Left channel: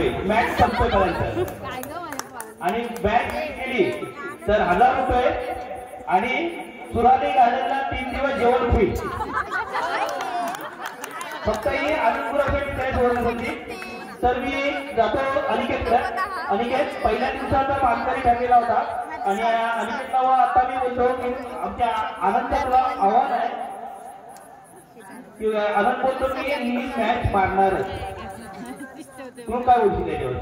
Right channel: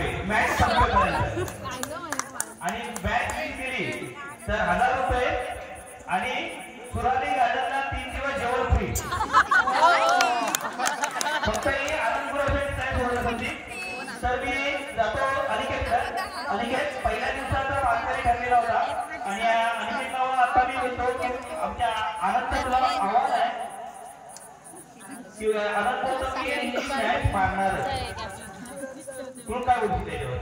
रुपये मॅच संपेपर्यंत आणि मॅच केली तर 1000 रुपये आणि सुराली गार्डनला 3 दिवस जेवण फ्री फक्त ही आनंदपुरासाठी तयार होणार होती. तर मी जातो अनिकेत. अनिकेत पहिल्या दिवसाचा पानकरी ठरलेला होता आणि अनिकेतला आता मी बोलतो की आमच्या आनंदातला आव्हान आहे की आनंद बोलतो की ही मॅच मारणार. तू काय बोलतो त्याच्यावर?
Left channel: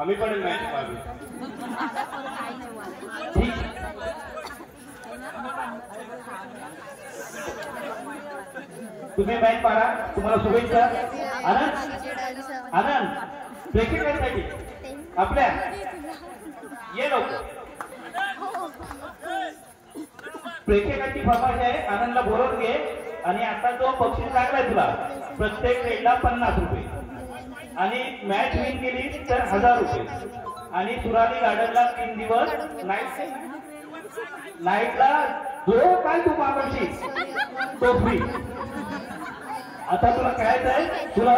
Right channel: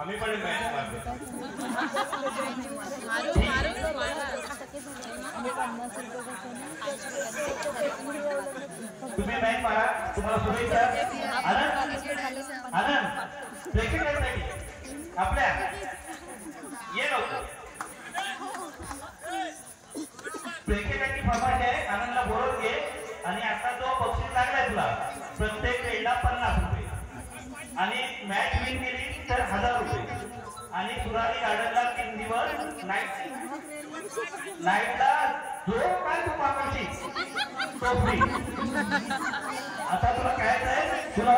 आम्ही पण मॅच मारलो. तुम्ही मॅच मारा. तुम्हाला शुभेच्छा. आनंद आनंद ब्रेकिंग साठी आपल्या ये लोक ब्रेकिंग फरमाईश आहे. आनंदला बोलवून घे आणि आता जो बक्षीस लागलाय तुला प्रत्येक रेडला 50 रुपये आणि मॅच विन केली तर 1000 रुपये आणि सुराली गार्डनला 3 दिवस नाईटला जो काय तू मागवशील तो फ्री. आता तुला काय आहे? तुला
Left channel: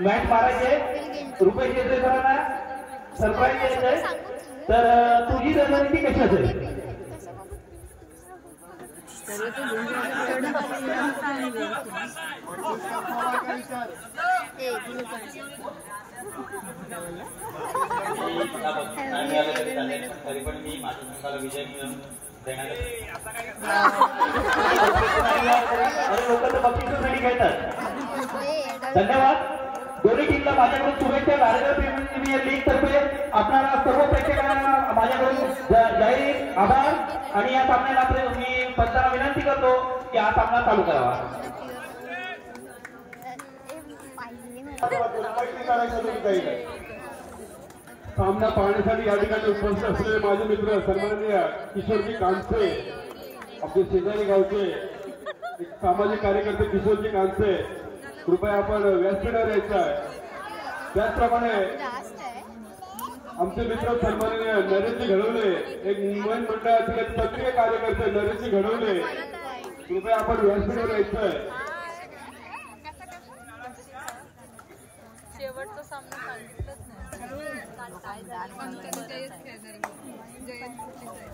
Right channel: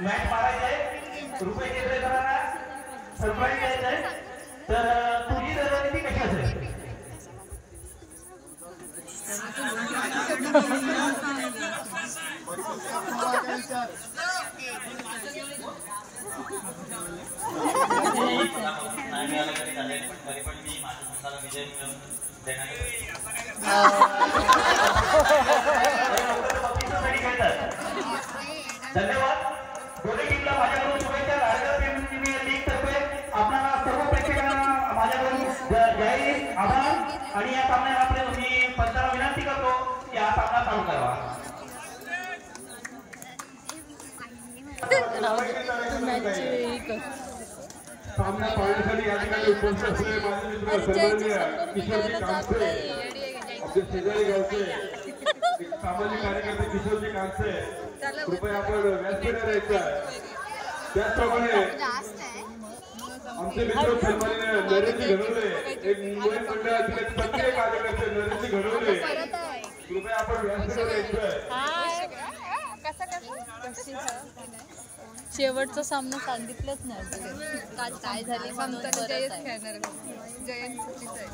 मॅच मारायचे रुपये द्यायचे सरांना सरप्राईज द्यायचंय. तर तुझी रणनीती कशी असेल? तरी पण मी माझ्या विजय देणार. धन्यवाद. दोन्ही टीमला माझ्याकडून शुभेच्छा. राजगड प्रीमियर लीग तर्फे आपल्याला सर्व प्रेक्षकांना माझ्याकडून जाहीर आभार आणि या सामन्याला मी पंचांना विनंती करतो की हा सामना चालू करावा. सामना पाहण्यासाठी या ठिकाणी उपस्थित असलेले माझे मित्र सन्माननीय किशोरजी कांसे, आपले शेजारी गावचे एक सामाजिक कार्यकर्ते किशोरजी कांसे, कृपया आपण व्यासपीठावर यायच्या. त्याचप्रमाणे आमचे मित्र सन्माननीय नरेशजी घडवले, एक मुंबई मंडळातील एक सक्रिय कार्यकर्ते नरेशजी घडवले, कृपया आपण व्यासपीठावर यायचं. शेवटचा सामना सांगितलंच नाही काय झालं. ममताने जयच खेळणार. जयंत चुकीचं आहे.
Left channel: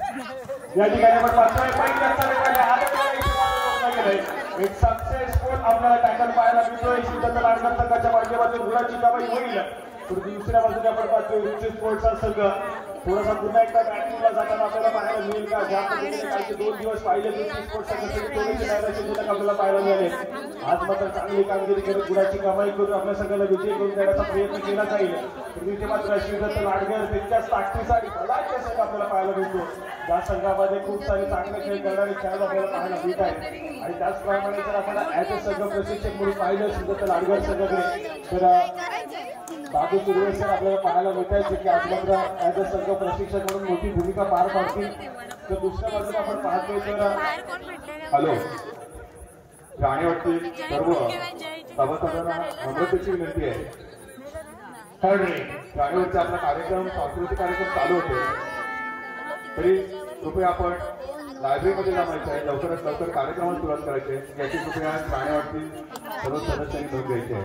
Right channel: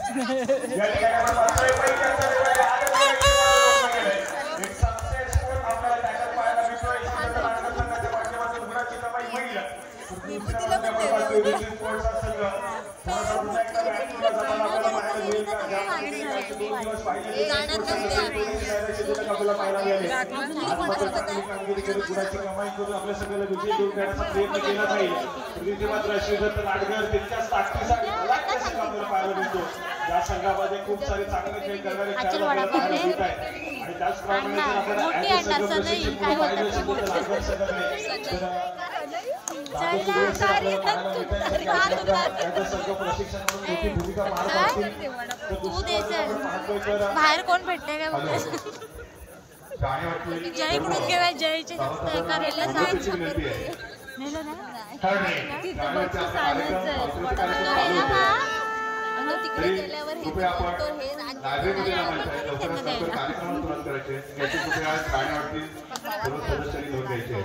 या ठिकाणी एक सक्सेसफुल आपल्याला टॅकल पाहायला मिळतोय. शिवसेना आडनाथ संघाच्या माध्यमातून गुणाची कमाई होईल. दुसऱ्या बाजूला आपण रिची स्पोर्ट्सचा संघ थोडासा पुन्हा एकदा मॅचला जाताना आपल्याला पाहायला मिळेल का? ज्या पद्धतीने 2 दिवस पाहिले आपल्याला पाहायला मिळाले. आज मात्र चांगली कामगिरी करत गुणाची कमाई करून आपल्या संघाला विजय घेऊन जाण्याचा प्रयत्न केला जाईल. पृथ्वीचे मात्र श्रीदत्त लाडकर तितक्याच ताकदीसाठी संघ आपल्याला पाहायला मिळतो. या संघामध्ये खूप सारे चांगले खेळ करणारे खेळाडू आपल्याला पाहायला मिळत आहेत. आणि त्याचप्रमाणे जर आपण ऍज अ संघ प्रशिक्षक म्हणून पाहिलं श्रीदत्त लाडकर संघाकडे तर बाबू सुरेश आपल्याला पाहायला मिळत आहे की आज मात्र ऍज अ संघ प्रशिक्षक म्हणून मोठी भूमिका पार पाडतील. तर दुसऱ्या बाजूला आपण पाहतोय तर बाहेर कोण भेटते हॅलो राणेवाडी विनंती आहे. राणेवाडीचा आपला कार्यक्रम सांस्कृतिक कार्यक्रम चालू होते तरी कृपया आपण लायब्ररीमध्ये जमायचं आहे. लवकरात लवकर कार्यक्रमाला सुरुवात करायची आहे. याची कृपया राणेवाडीतील सर्व सदस्यांनी नोंद घ्यायची आहे.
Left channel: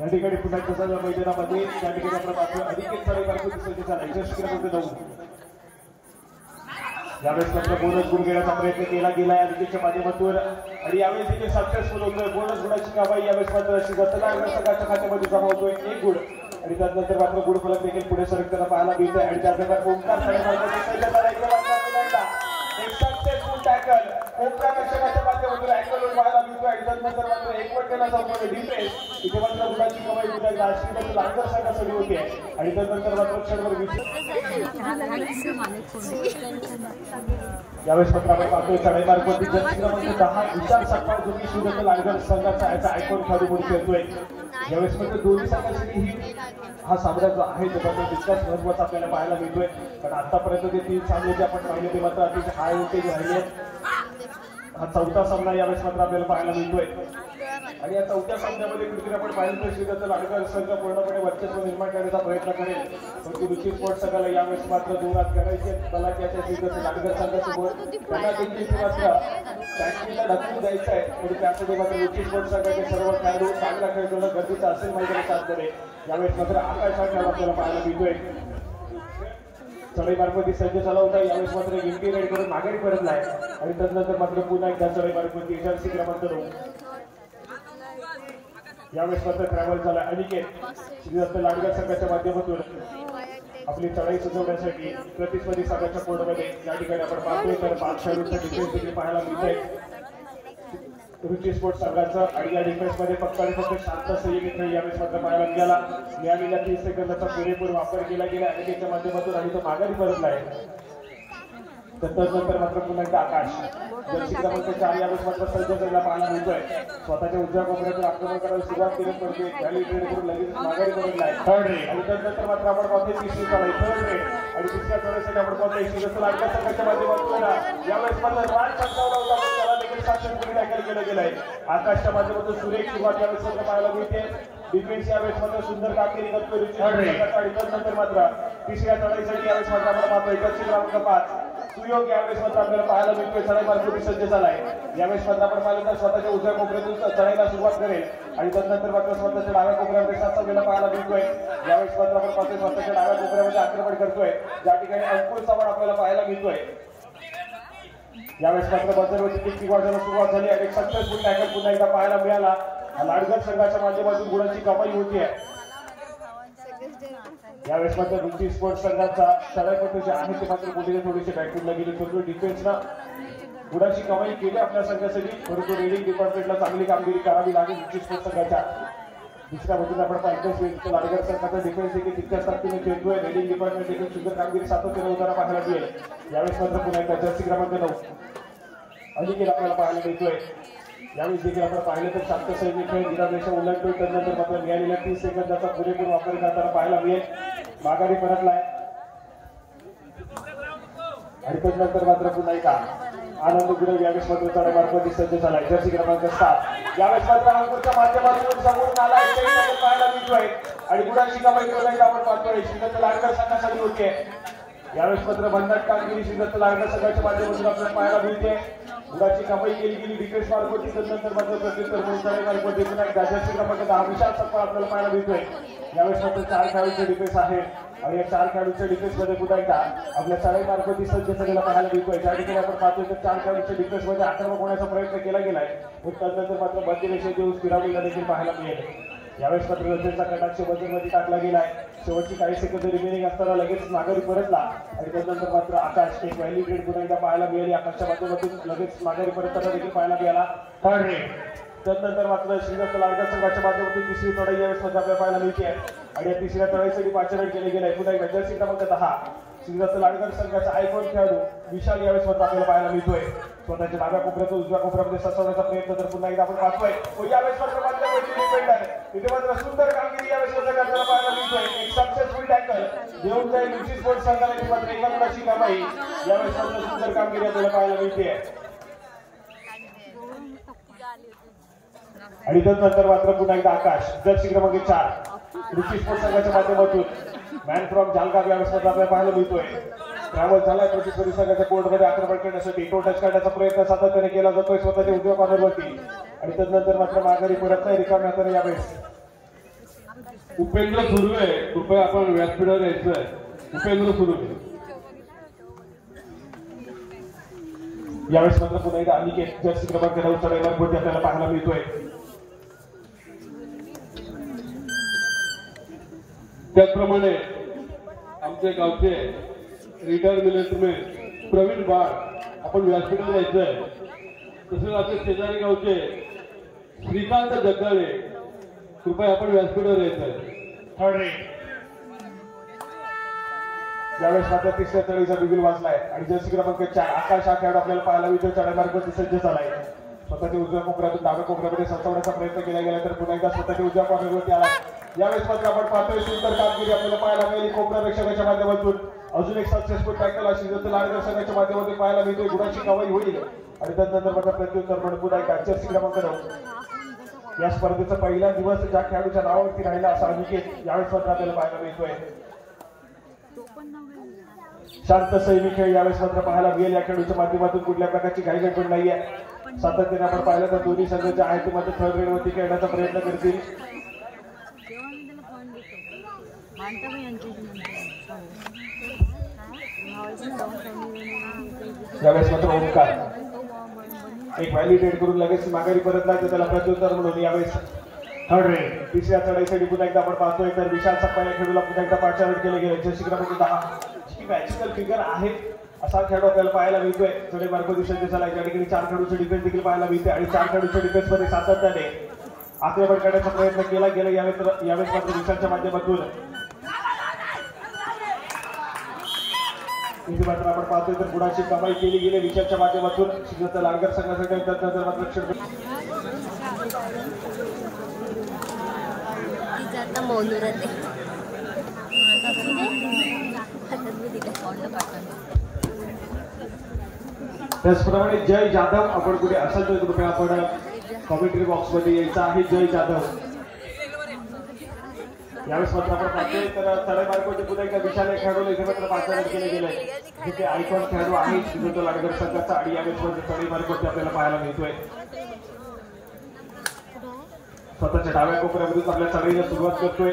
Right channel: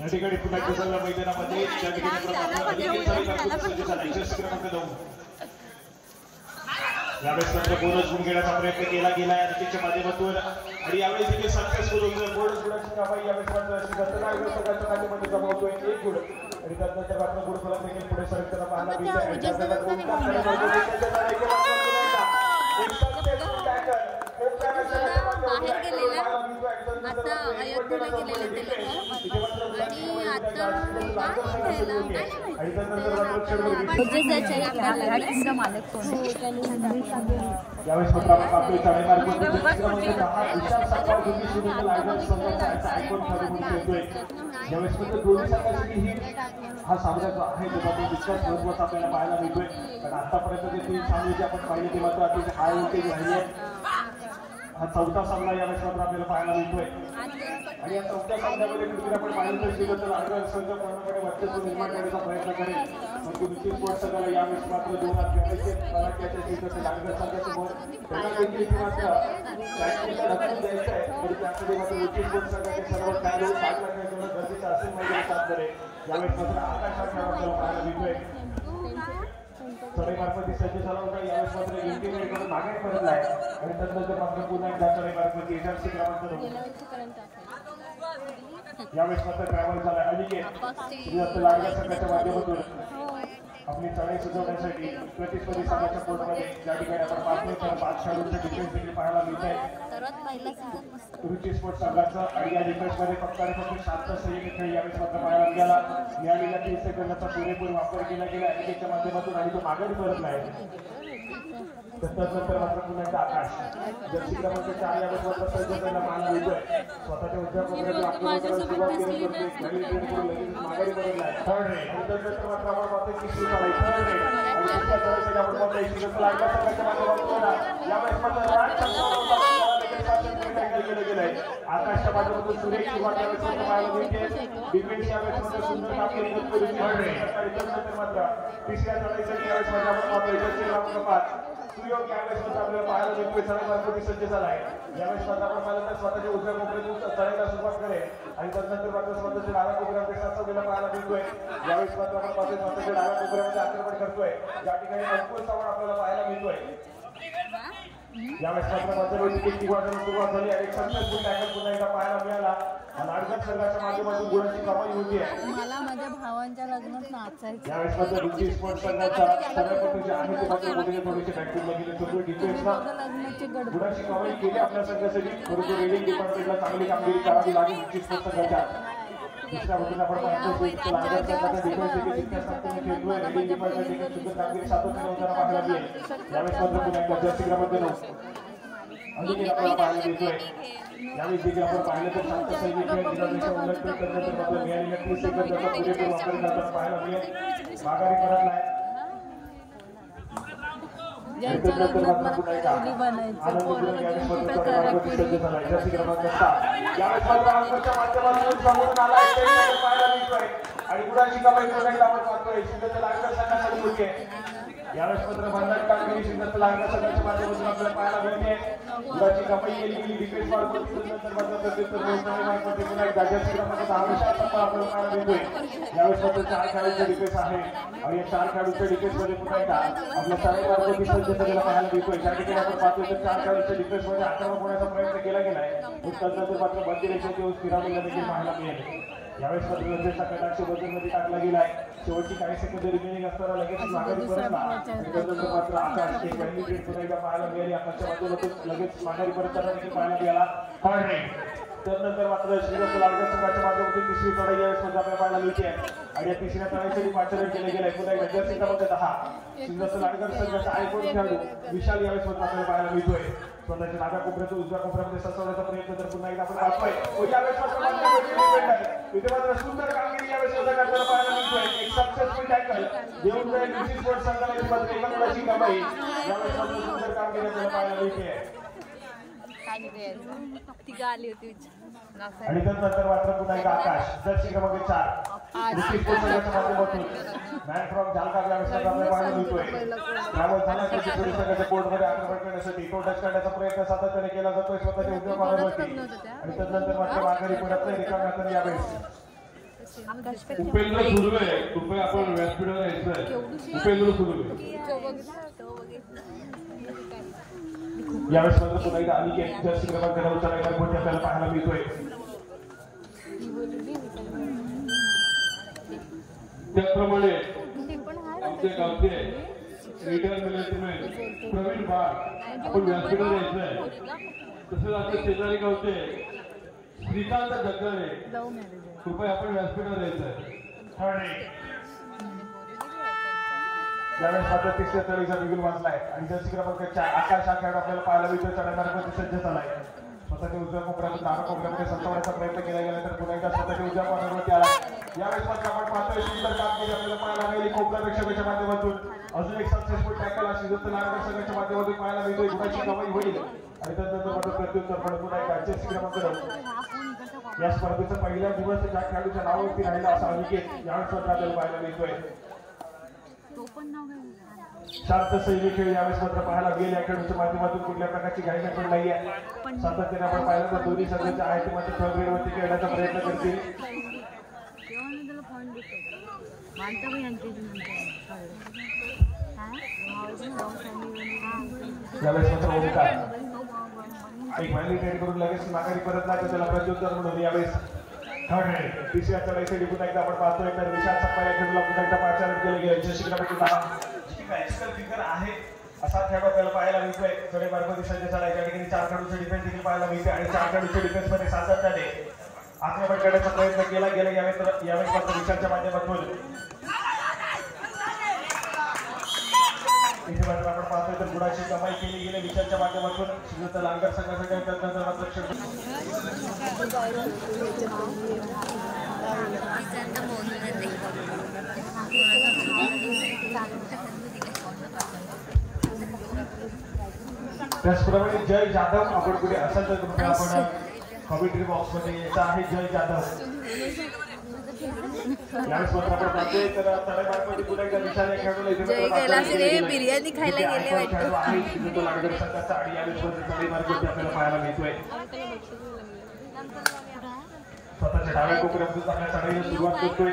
या ठिकाणी पुन्हा प्रसाद मैदानामध्ये त्या ठिकाणी आपला अधिक सारे कार्यक्रम सज्ज झाला. यशस्वी क्रमांक 9 यावेळेस मात्र बोनस गुण घेण्याचा प्रयत्न केला गेला अनिकेतच्या माध्यमातून आणि यावेळेस देखील सक्सेसफुल होतोय. बोनस गुणाची कमाई यावेळेस मात्र संघाच्या खात्यामध्ये जमा होतोय 1 गुण आणि त्यानंतर मात्र गुण फलक देखील पुढे सरकताना पाहायला मिळतंय. आणि यावेळेस मात्र आपण पाहतोय 10 विशाल सत्कार दोन्ही श्रीदत्त लाडकर संघाचा याचा आयकॉन ठरू म्हणून खेळतोय. यावेळेस मात्र दोन्ही संघासाठी ही हा सामना जो आहे तो मात्र तितकाच महत्वाचा आपल्याला पाहायला मिळतोय. कारण आतापर्यंत जे 3 सामने जे आपण पाहिले ते मात्र अतिशय हाय व्होल्टेज राहिले. हा चौथा सामना यावेळेस मात्र आपल्याला पाहायला मिळतोय आणि या चौथ्या सामन्यामध्ये कुठे आपण पाहिलं तर श्रीदत्त लाडकर संघ पूर्णपणे वर्चस्व निर्माण करण्याचा प्रयत्न करेल परंतु रुची स्पोर्ट्स संघाला यावेळेस मात्र 2 हात करायचे त्याला त्याच्या श्रीदत्त लाडकर संघासोबत त्यांना देखील मात्र ढकलून द्यायचं आहे आणि त्यासाठी मात्र रुची स्पोर्ट्स संघाचे सर्व खेळाडू चांगला खेळ खेळणं गरजेचं असेल म्हणजे साथ करेल यावेळेस मात्र आकाश हा खेळ आपल्याला पाहायला मिळतोय चढाई मार्फती सज्ज झाला होता यावेळेस मात्र गिंटी राईड करून माघारी परतला आहे आणि त्यानंतर मात्र पुन्हा एकदा चढाई मार्फती एजन्सी क्रमांक करून यावेळेस मात्र ट्रॅव्हल झाला अनिकेत श्रीदत्त लाडकर संघाच्या माध्यमातून आपली चढाई सुचवण्यासाठी प्रतिस्पर्धी संघाच्या कोर्टमध्ये या ठिकाणी आपण पाहतोय तर 5 खेळाडूंचा डिफेन्स देखील पाहायला मिळतोय रुची स्पोर्ट्स संघाचा आणि या डिफेन्समध्ये फक्त आणि फक्त शांत संयोगी खेळ यावेळेस मात्र पाहायला मिळाला मिळालेल्या 30 सेकंदाचा पुरेपूर वापर केला गेला अनिकेतच्या माध्यमातून आणि तो माघारी परतला आहे नंतर मात्र पुन्हा एकदा आकाश जर्सी क्रमांक 4 यावेळेस मात्र सज्ज झालेला पाहायला मिळतोय स्वतःच्या उजव्या कोपऱ्यातून आक्रमण करायला सुरुवात केली म्हणजे रॅली ट्रेड करून लगेच माघारी परतला आहे थर्ड रेड आणि त्यानंतर मात्र आपण पाहतोय तिसरी चढाई थर्ड रेड आणि दुसऱ्या चढाईसाठी आपण पाहतोय श्रीदत्त लाडकर संघाच्या माध्यमातून यावेळेस मात्र केलं गेलं आहे आकाशच्या माध्यमातून सुरेख सुरुवात यावेळेस मात्र पाहायला मिळते डिफेन्स यावेळेस मात्र सुंदर कामगिरी करतो आणि त्यानंतर मात्र तिसऱ्या चढाईसाठी यावेळेस मात्र आपण पाहतोय जर्सी क्रमांक 5 सुयोग यावेळेस मात्र आपल्याला पाहायला मिळतोय चढाई मार्फती सज्ज झालाय यावेळेस मात्र आपण पाहिलं तर स्वतःच्या उजव्या कोपऱ्यातून चढाईला सुरुवात करेल आणि त्यानंतर मात्र स्वतःच्या डाव्या कोपऱ्यामध्ये साचवलेला पाहायला मिळतोय यावेळेस मात्र आपण पाहतोय स्वतःच्या डाव्या कोपऱ्यामध्ये आक्रमण करतोय ज्या ठिकाणी अंकुर चव्हाण आपल्याला पाहायला मिळतोय यावेळेस मात्र मध्यवर्ती किती वाढायला सुरुवात झाली आणि सक्सेसफुल टॅकल पुन्हा एकदा पाहायला मिळाला लाडकर संघाच्या माध्यमातून गुणांची कमाई होतीये यावेळेस मात्र रुची स्पोर्ट्स संघाचा सरायपट्टू जे आहे ते मात्र मोठीने थोडीशी बॅटिंगला गेले तर डिफेन्सला गुणांची कमाई केली आपल्या संघासाठी परंतु रेडिंग डिपार्टमेंटला चांगली कामगिरी करावी लागेल रुची स्पोर्ट्स संघाच्या दुसऱ्या बाजूला आपण पाहतो लाडकर संघाचा डिफेन्स देखील तितक्याच ताकदीने खेळतोय रेडिंग डिपार्टमेंट देखील सुंदर कामगिरी सातत्याने होताना पाहायला मिळेल यावेळेस मात्र पुन्हा एकदा जर्सी क्रमांक 9 अनिकेत आपल्याला पाहायला मिळतोय यावेळेस देखील आपण पाहिलं तर शांत सैनिक खेळ निरापेक्षा उल्लेख त्यानंतर मात्र मिळालेल्या 30 सेकंदाचा पुरेपूर वापर करताना पाहायला मिळेल माघारी परतलाय आणि त्यानंतर मात्र पुन्हा एकदा आनंद गुरव यावेळेस मात्र चढाई मार्फती सज्ज झालाय जर्सी क्रमांक 7 यावेळेस मात्र अंकुरच्या माध्यमातून समोर आला पाहायला मिळतोय आणि गुणांची कमाई पुन्हा एकदा आपण पाहतोय श्रीदत्त लाडकर संघासाठी होतीये यावेळेस मात्र भन्नाट कामगिरी श्रीदत्त लाडकर संघाच्या माध्यमातून आपल्याला पाहायला मिळते गुणांची कमाई केली गेली डिफेन्स मार्फती त्यानंतर मात्र प्रत्युत्तर चढाई मार्फती पुन्हा एकदा जर्सी क्रमांक 10 विशाल संपा आपल्याला पाहायला मिळतोय यावेळेस मात्र 4 खेळाडूंचे डिफेन्स आहे आणि या 4 खेळाडूंच्या डिफेन्समध्ये पुन्हा एकदा आपल्या चढाई मार्फती सज्ज झालेला पाहायला मिळतोय ज्या ठिकाणी आपण पाहतोय तर 4 खेळाडूंच्या डिफेन्समध्ये आक्रमण होण्याचा प्रयत्न केला गेलाय त्यानंतर मात्र बंदी रेषेची स्थिरावलेला देखील पाहायला मिळेल यावेळेस मात्र रंजनचा कटाक्ष बदलमध्ये टाकला गेलाय शेवटची काही सेकंद रिमेनिंग असताना लगेच माघारी परतला आणि त्यानंतर मात्र आकाश एक पहिली ग्रेड पुन्हा एकदा पाहायला मिळेल आकाशच्या माध्यमातून लगेच माघारी परतताना देखील पाहायला मिळाला थर्ड रेड त्यानंतर मात्र श्रीदत्त लाडकर संघाच्या माध्यमातून तिसरी चढाई यावेळेस मध्ये आपल्याला पाहायला मिळते आणि या तिसऱ्या चढाईसाठी 5 रन केले गेले पुन्हा एकदा जर्सी क्रमांक 10 श्रीदत्त लाडकर संघाचा आयकॉन खेळाडू विशाल यावेळेस मध्ये आपल्याला पाहायला मिळतोय स्वतःच्या डाव्या कोपऱ्यातून उजव्या कोपऱ्यामध्ये सचवण्याचा प्रयत्न तर पुन्हा एकदा आपण पाहतोय यावेळेस तिथे मात्र सुंदर कामगिरी यावेळेस करताना पाहायला मिळतोय एक सक्सेसफुल टॅकल घेऊन जाईल रुची स्पोर्ट्स संघाने मात्र एका गुणाची कमाई यावेळेस मात्र सुंदर कामगिरी आपल्याला पाहायला मिळते आणि त्यानंतर मात्र पुन्हा एकदा आकाश जर्सी क्रमांक 4 रुची स्पोर्ट्स संघाच्या माध्यमातून मॅन फ्रॉम जालगाव यावेळेस आपल्याला पाहायला मिळतोय ट्रॅव्हल झाल्या प्रतिस्पर्धी संघाच्या कोर्टमध्ये आक्रमण करण्यासाठी तो टच करण्याचा प्रयत्न सातत्याने केला जातोय स्वतःच्या उजव्या कॉर्नरवरती आणि त्यानंतर मात्र माघारी परत नाही रिकाम्या हाताने यावेळेस उपेंद्र सुर्वे कृपया आपण व्यासपीठावर यायचोय उपेंद्र सुर्वे यावेळेस मात्र पुन्हा एकदा अनिकेत जर्सी क्रमांक 9 चढाई मार्फती आपल्याला पाहायला मिळतोय त्याचप्रमाणे आमचे गावचे रिटायर मिलिटरीमॅन प्रवीण बाळ आपण व्यासपीठावर यायचंय तसेच आपले शेजारी गावचे श्रीकांत जगदाळे कृपया आपण व्यासपीठावर यायचंय यावेळेस मात्र तिसऱ्या चढाईचा बिगुल वाजलाय आणि जर्सी क्रमांक 4 आकाश हा खेळाडू आपल्याला पाहायला मिळतोय चढाई मार्फती सज्ज झालाय स्वतःच्या उजव्या कोपऱ्यातून डाव्या कोपऱ्यामध्ये संपवण्याचा प्रयत्न केला गेला तर पुन्हा एकदा स्वतःच्या उजव्या कोपऱ्यावरती आला यावेळेस मात्र आपण पाहतोय सुंदर कामगिरी आपल्याला पाहायला मिळेल कोपरा रक्षकाच्या माध्यमातून अजून एक सक्सेसफुल टॅकल श्रीदत्त लाडकर संघाच्या माध्यमातून पाहायला मिळतोय गुणाची कमाई होईल आणि त्यानंतर मात्र प्रत्युत्तर पण पुन्हा एकदा जर्सी क्रमांक 9 या स्पर्धेचा पहिला दिवस ज्या खेळाडूच्या नावावरती राहिला असा अनिकेत यावेळेस मात्र आपल्याला पाहायला मिळतोय. शांत सैनिक खेळ यावेळेस मात्र पाहायला मिळेल. या खेळाडूच्या माध्यमातून कुठल्या प्रकारची घाई गडबड नाहीये. सातत्याने आपण पाहिलं तर दोन्ही संघाचे आहे ते मात्र थर्ड रेडवरती खेळण्याचा प्रयत्न करतील. यावेळेस मात्र ओमकार एक व्हॅलिडेट करून लगेच माघारी परत नाही, त्याला प्रत्युत्तर म्हणून यावेळेस थर्ड रेड तिसऱ्या चढाईसाठी पुन्हा एकदा आपण पाहतोय तर विशाल सप्पा या खेळूला पुन्हा एकदा पार्टनर केले गेले. जशी क्रमांक 10 जी मॅजिकल फिगर आहे असा खेळाडू आपल्याला पाहायला मिळतोय. चढे मार्ग दिसत झाला या ठिकाणी 4 खेळाडूचे डिफेन्स देखील पाहायला मिळते आणि 4 खेळाडूच्या डिफेन्स मध्ये सातत्याने आक्रमण करण्याचा प्रयत्न केला गेला. यावेळेस मात्र विशालच्या माध्यमातून इथे मात्र आपण पाहतोय तर गुणाची कमाई केली गेली विशालच्या माध्यमातून. शिवता लालगर संघासाठी त्याचप्रमाणे जय जाधव आपण कुठे असाल तर कृपया आपण कॉमेंट्री बॉक्स मध्ये यायचं आहे. जय जाधव यावेळेस मात्र आपण पाहतोय तर तळेमार्गामध्ये पुन्हा एकदा विशाल खेळाडू बिर्याणी खायला गेले खेळाडू आहे शिवता लालगर संघाचा आणि यावेळेस तळेमार्गामध्ये आपल्याला पाहायला मिळतोय. स्वतःच्या डाव्या कोपऱ्यामधून आपल्या चढाईला सुरुवात करतोय.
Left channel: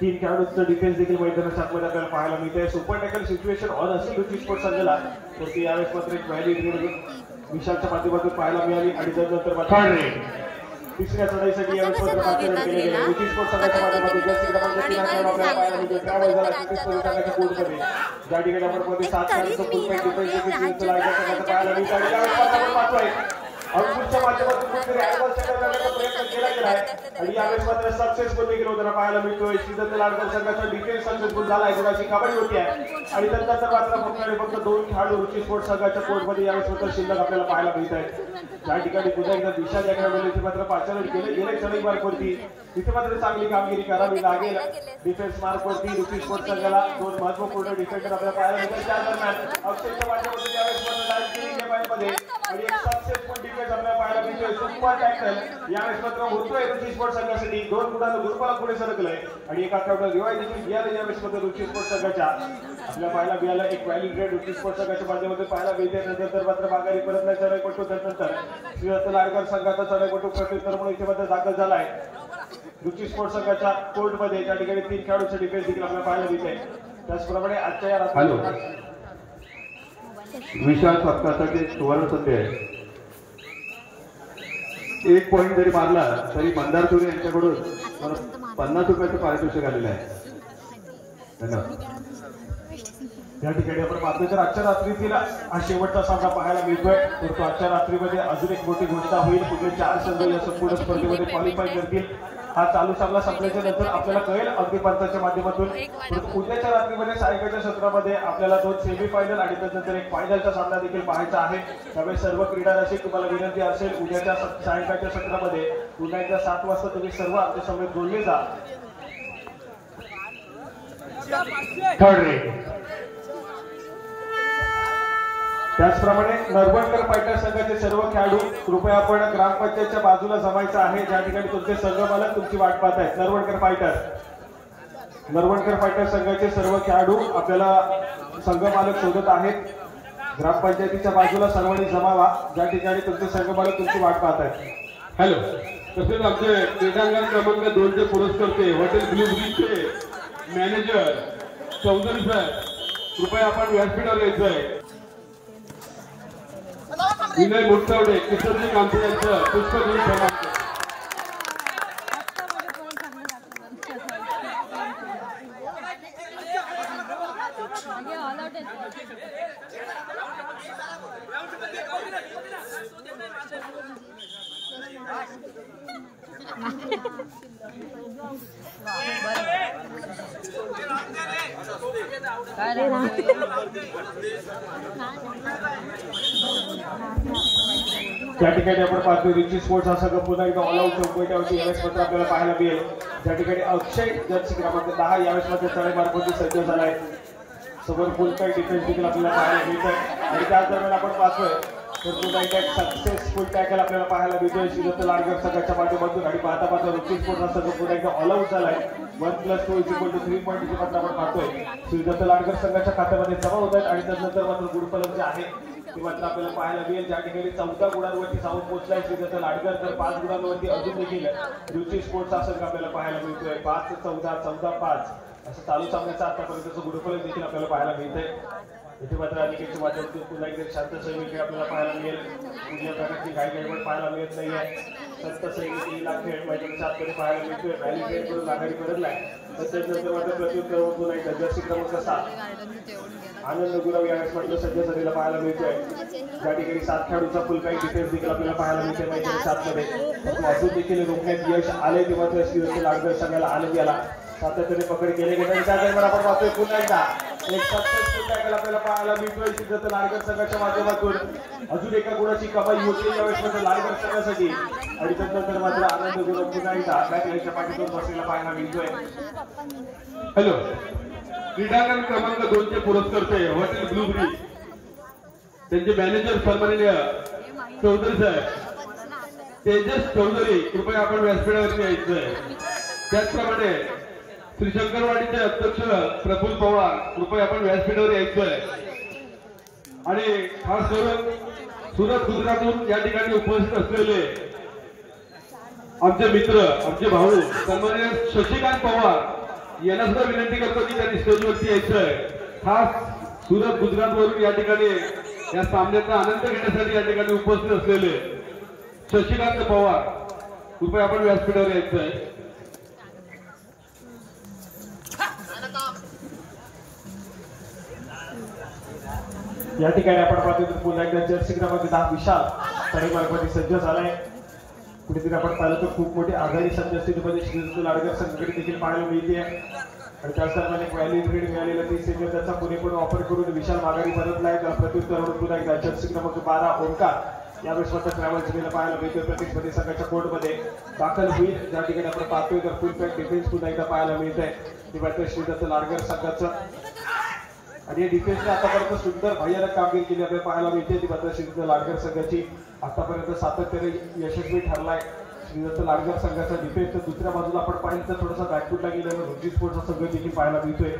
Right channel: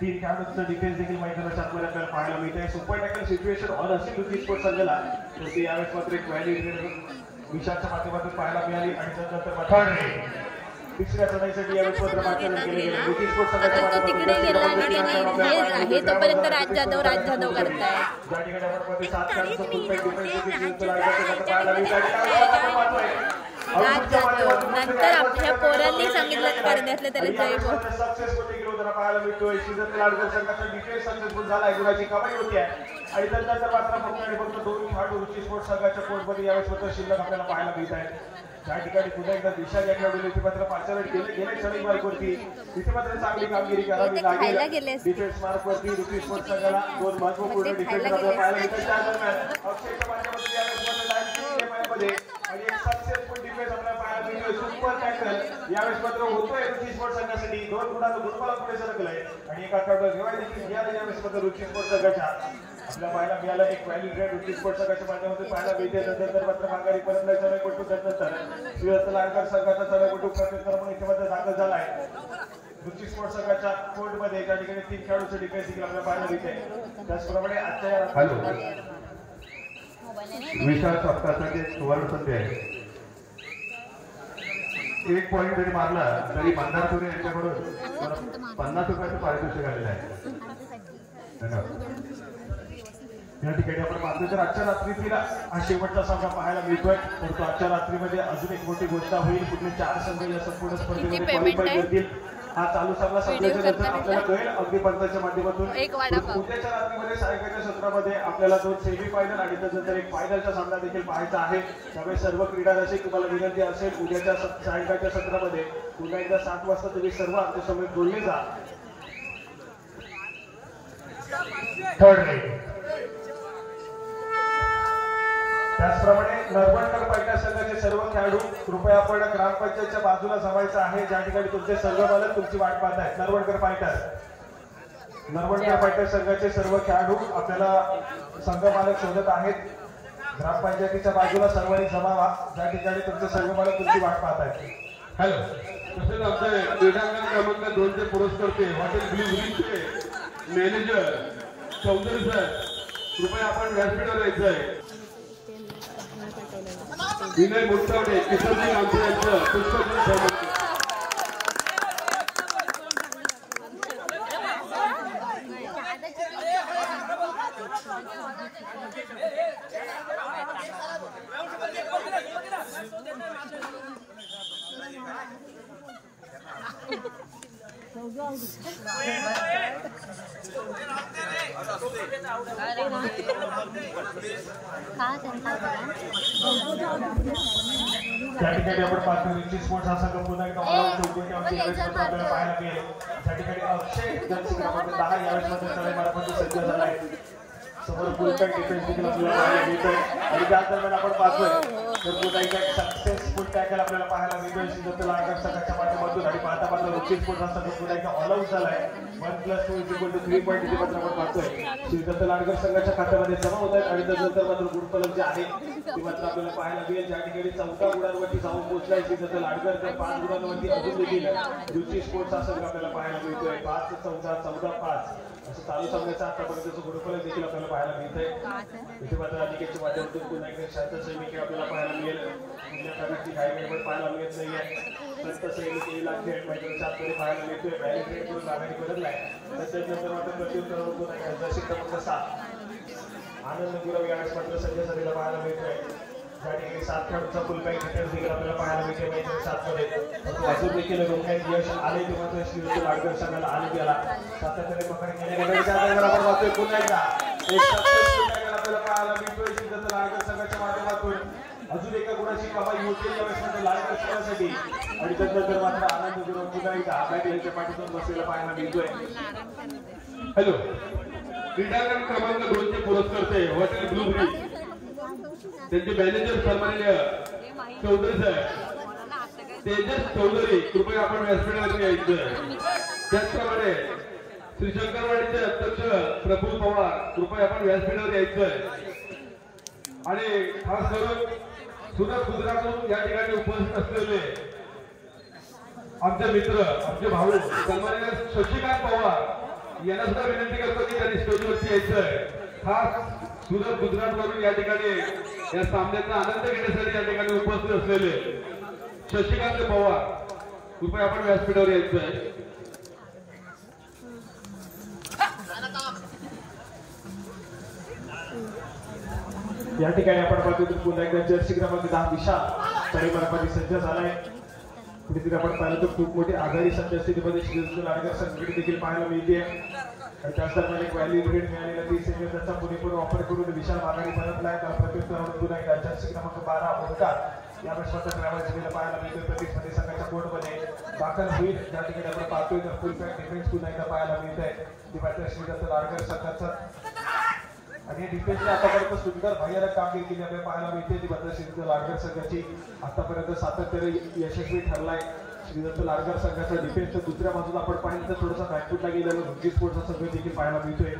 3 खेळाडूंचं डिफेन्स देखील मैदानाच्या आतमध्ये आपल्याला पाहायला मिळते. सुपर टॅकल सिच्युएशन ऑन असेल रुची स्पोर्ट संघाला तर ती यावेळेस मात्र एक व्हॅली विशालच्या माध्यमातून पाहायला मिळाली आणि त्यानंतर तिसऱ्या चढाईसाठी यावेळेस मात्र पाचारण केले गेले. रुची स्पोर्ट संघाच्या माध्यमातून ज्या ठिकाणी आपण 7 खेळाडूंचं फुल डिफेन्स नंतर आपल्या पोरांनी सांगितलं करण्यातलं तरी सक्सेसफुली गेलो तर पाहायला मिळतोय. शिवता लालगर संघाचा डिफेन्स सक्सेसफुल झाला आहे. गुणाची कमाई होती आहे आणि त्यानंतर मात्र फक्त 2 खेळाडू रुची स्पोर्ट संघाच्या कोर्टमध्ये यावेळेस मात्र शिल्लक आपल्याला पाहायला मिळत आहे. ज्या ठिकाणी पुन्हा एकदा विशाल या खेळाडूने इथे मात्र पाचारण केले गेले चढाईवरती तिथे मात्र चांगली कामगिरी करावी लागेल. डिफेन्स मार्कवरती रुची स्पोर्ट संघाला 2 महत्वपूर्ण डिफेन्स पाहायला मिळतात. त्या दरम्यान अक्षयच्या माध्यमातून यावेळेस आणि एक सक्सेसफुल डिफेन्स आपल्याला पाहायला मिळतोय. सुपर टॅकल यावेळेस मात्र होतोय रुची स्पोर्ट संघासाठी. 2 गुणांना दुर्बल पुढे सरकलंय आणि एका खेळाडूला रिवाय देखील मिळाले. यावेळेस मात्र रुची स्पोर्ट संघाच्या आपल्याला पाहायला मिळालं एक व्हॅलिडेट रुची स्पोर्ट संघाच्या माध्यमातून पाहायला मिळते. नंतर मात्र माघारी परत नाही चढाईपटू त्यानंतर शिवता लालगर संघाचा चढाईपटू प्रत्युत्तर म्हणून इथे मात्र दाखल झालाय रुची स्पोर्ट संघाच्या कोर्टमध्ये. त्या ठिकाणी 3 खेळाडूचे डिफेन्स देखील आपल्याला पाहायला मिळते. त्याचप्रमाणे आजच्या विशाल सप्पासाठी सुवर्ण संधी आहे. 1 पॉईंट जरी मारला तरी मंदार तुरे यांच्याकडून 50 रुपयाचं पारितोषिक आलेलं आहे. धन्यवाद. या ठिकाणी आपण पाहतो तर आजच्या रात्रीला हा शेवटचा सामना पाहायला मिळतोय. तर तो आजच्या रात्रीमध्ये अजून एक मोठी घोषणा होईल. पुढे 4 संघ या संपूर्ण स्पर्धेमध्ये क्वालिफाय करतील. हा चालू सामना संपल्याच्या नंतर आपल्याला कळेल अगदी पंचाच्या माध्यमातून. उद्याच्या रात्रीमध्ये सायंकाळच्या सत्रामध्ये आपल्याला 2 सेमीफायनल आणि त्यानंतर एक फायनलचा सामना देखील पाहायचा आहे. त्यामुळे सर्व क्रीडा रसिक तुम्हाला विनंती असेल उद्याच्या सायंकाळच्या सत्रामध्ये पुन्हा एकदा 7 वाजता तुम्ही सर्व आमच्या समोर बोलले जा. त्याचप्रमाणे नरवणकर फायटर संघाचे सर्व खेळाडू कृपया आपण ग्रामपंचायतच्या बाजूला जमायचं आहे. ज्या ठिकाणी तुमचे संघ मालक तुमची वाट पाहत आहेत. नरवणकर फायटर संघाचे सर्व खेळाडू आपल्याला संघ मालक शोधत आहेत. ग्रामपंचायतीच्या बाजूला सर्वांनी जमावा ज्या ठिकाणी तुमचे संघ मालक तुमची वाट पाहत आहेत. हॅलो तसेच आमचे क्रीडांगण क्रमांक 2चे पुरस्कर्ते हॉटेल ब्लू ब्रिजचे मॅनेजर चौधरी सर कृपया आपण व्यासपीठावर यायचंय. विनय मुंडवडे किशोरजी गांधी यांचं पुष्पगुच्छ क्रमांक त्या ठिकाणी आपण पाहतो रिची स्पोर्ट्स हा संघ पुन्हा एकदा ऑल आउट चौकटीवरती यावेळेस मात्र आपल्याला पाहायला मिळेल. त्या ठिकाणी अक्षय जर्सी क्रमांक 10 यावेळेस मात्र चढाई मार्गावरती सज्ज झाला आहे. समोर फुल पॅक डिफेन्स देखील आपल्याला पाहायला मिळतोय आणि त्याच दरम्यान आपण पाहतोय तर पुन्हा एकदा एक सक्सेसफुल टॅकल आपल्याला पाहायला मिळतोय श्रीदत्त लाडकर संघाच्या माध्यमातून आणि पाहता पाहता रुचिर स्पोर्ट्सचा संघ पुन्हा एकदा ऑल आउट झालाय 1+2 = 3 पॉईंट इथे मात्र आपण पाहतोय श्रीदत्त लाडकर संघाच्या खात्यामध्ये जमा होतात आणि त्यानंतर मात्र गुणफलक जे आहे ते मात्र आपल्याला पाहायला मिळेल ज्या ठिकाणी 14 गुणांवरती जाऊन पोहोचलाय श्रीदत्त लाडकर तर 5 गुणांवरती अजून देखील रुचिर स्पोर्ट्स हा संघ आपल्याला पाहायला मिळतोय 5-14 14-5 असं चालू सामन्याचं आतापर्यंतचं गुणफलक देखील आपल्याला पाहायला मिळतंय इथे मात्र अनिकेतच्या माध्यमातून पुन्हा एकदा शांत सैनिक आपल्याला पाहायला मिळेल कुठल्या प्रकारची काही गडबड पाहायला मिळत नाहीये संत सैनिक येईल खेळ मैदानाच्या आतमध्ये पाहायला मिळतोय पहिली खेळ करून आघाडी बदललाय त्याच्यानंतर मात्र प्रत्युत्तर पुन्हा एकदा जर्सी क्रमांक 7 आनंद गुराव या म्हटलं सध्या सरीला पाहायला मिळतोय त्या ठिकाणी 7 खेळाडूचा फुल काही डिफेन्स देखील आपल्याला पाहायला मिळते मैदान 7 मध्ये परंतु अजून देखील रोखण्यात यश आले तेव्हा तर श्रीदत्त लाडकर संघाला आनंद आला सातत्याने पकड केले गेले त्यानंतर आपण पाहतोय पुन्हा एकदा एक सक्सेसफुल टॅकल आपल्याला पाहायला मिळतोय श्रीदत्त लाडकर संघाच्या माध्यमातून अजून एका गुणाची कमाई होते यावेळेस मात्र लाडकर संघासाठी आणि त्यानंतर मात्र आनंद गुरव पुन्हा एकदा आघाडीच्या पाठीतून बसलेला पाहायला मिळतोय हॅलो क्रीडांगण क्रमांक 2 चे पुरस्कारचे हॉटेल ब्लू ब्रिज त्यांचे मॅनेजर सन्माननीय चौधरी साहेब तेजस चौधरी कृपया आपण व्यासपीठावरती यायचं त्याचप्रमाणे श्री शंकरवाडीचे अध्यक्ष प्रफुल्ल पवार कृपया आपण व्यासपीठावर यायचंय आणि खास करून सुरत गुजरातहून या ठिकाणी उपस्थित असलेले आमचे मित्र आमचे भाऊ सन्माननीय शशिकांत पवार यांना सुद्धा विनंती करतो की त्यांनी स्टेजवरती यायचंय खास सुरत गुजरात वरून या ठिकाणी या सामन्याचा आनंद घेण्यासाठी या ठिकाणी उपस्थित असलेले शशिकांत पवार कृपया आपण व्यासपीठावर यायचंय या ठिकाणी आपण पाहतो तर पुन्हा एकदा जर्सी क्रमांक 10 विशाल तळेमार्गामध्ये सज्ज झालाय कुठेतरी आपण पाहिलं तर खूप मोठी आघाडी सध्या स्थितीमध्ये श्रीदत्त लाडकर संघटने देखील पाहायला मिळते आणि त्याच दरम्यान एक व्हॅल्यू लीड मिळालेला ती सेमी त्याचा पुरेपूर वापर करून विशाल माघारी परतलाय तर प्रत्युत्तर पुन्हा एकदा जर्सी क्रमांक 12 ओंकार यावेळेस मात्र ट्रॅव्हल जिल्ह्याला पाहायला मिळतोय प्रतिस्पर्धी संघाच्या कोर्टमध्ये दाखल होईल ज्या ठिकाणी आपण पाहतोय तर फुल पॅक डिफेन्स पुन्हा एकदा पाहायला मिळतंय ती मात्र श्रीदत्त लाडकर संघाचं आणि डिफेन्सने आतापर्यंत सुंदर भयानक कामगिरी केली आपल्याला पाहायला मिळते ती मात्र श्रीदत्त लाडकर संघाची आतापर्यंत सातत्याने यशस्वी ठरलाय श्रीदत्त लाडकर संघाचा डिफेन्स दुसऱ्या बाजूला आपण पाहिलं तर थोडासा बॅकफुटला गेलेला रुची स्पोर्ट्सचा संघ देखील पाहायला मिळतोय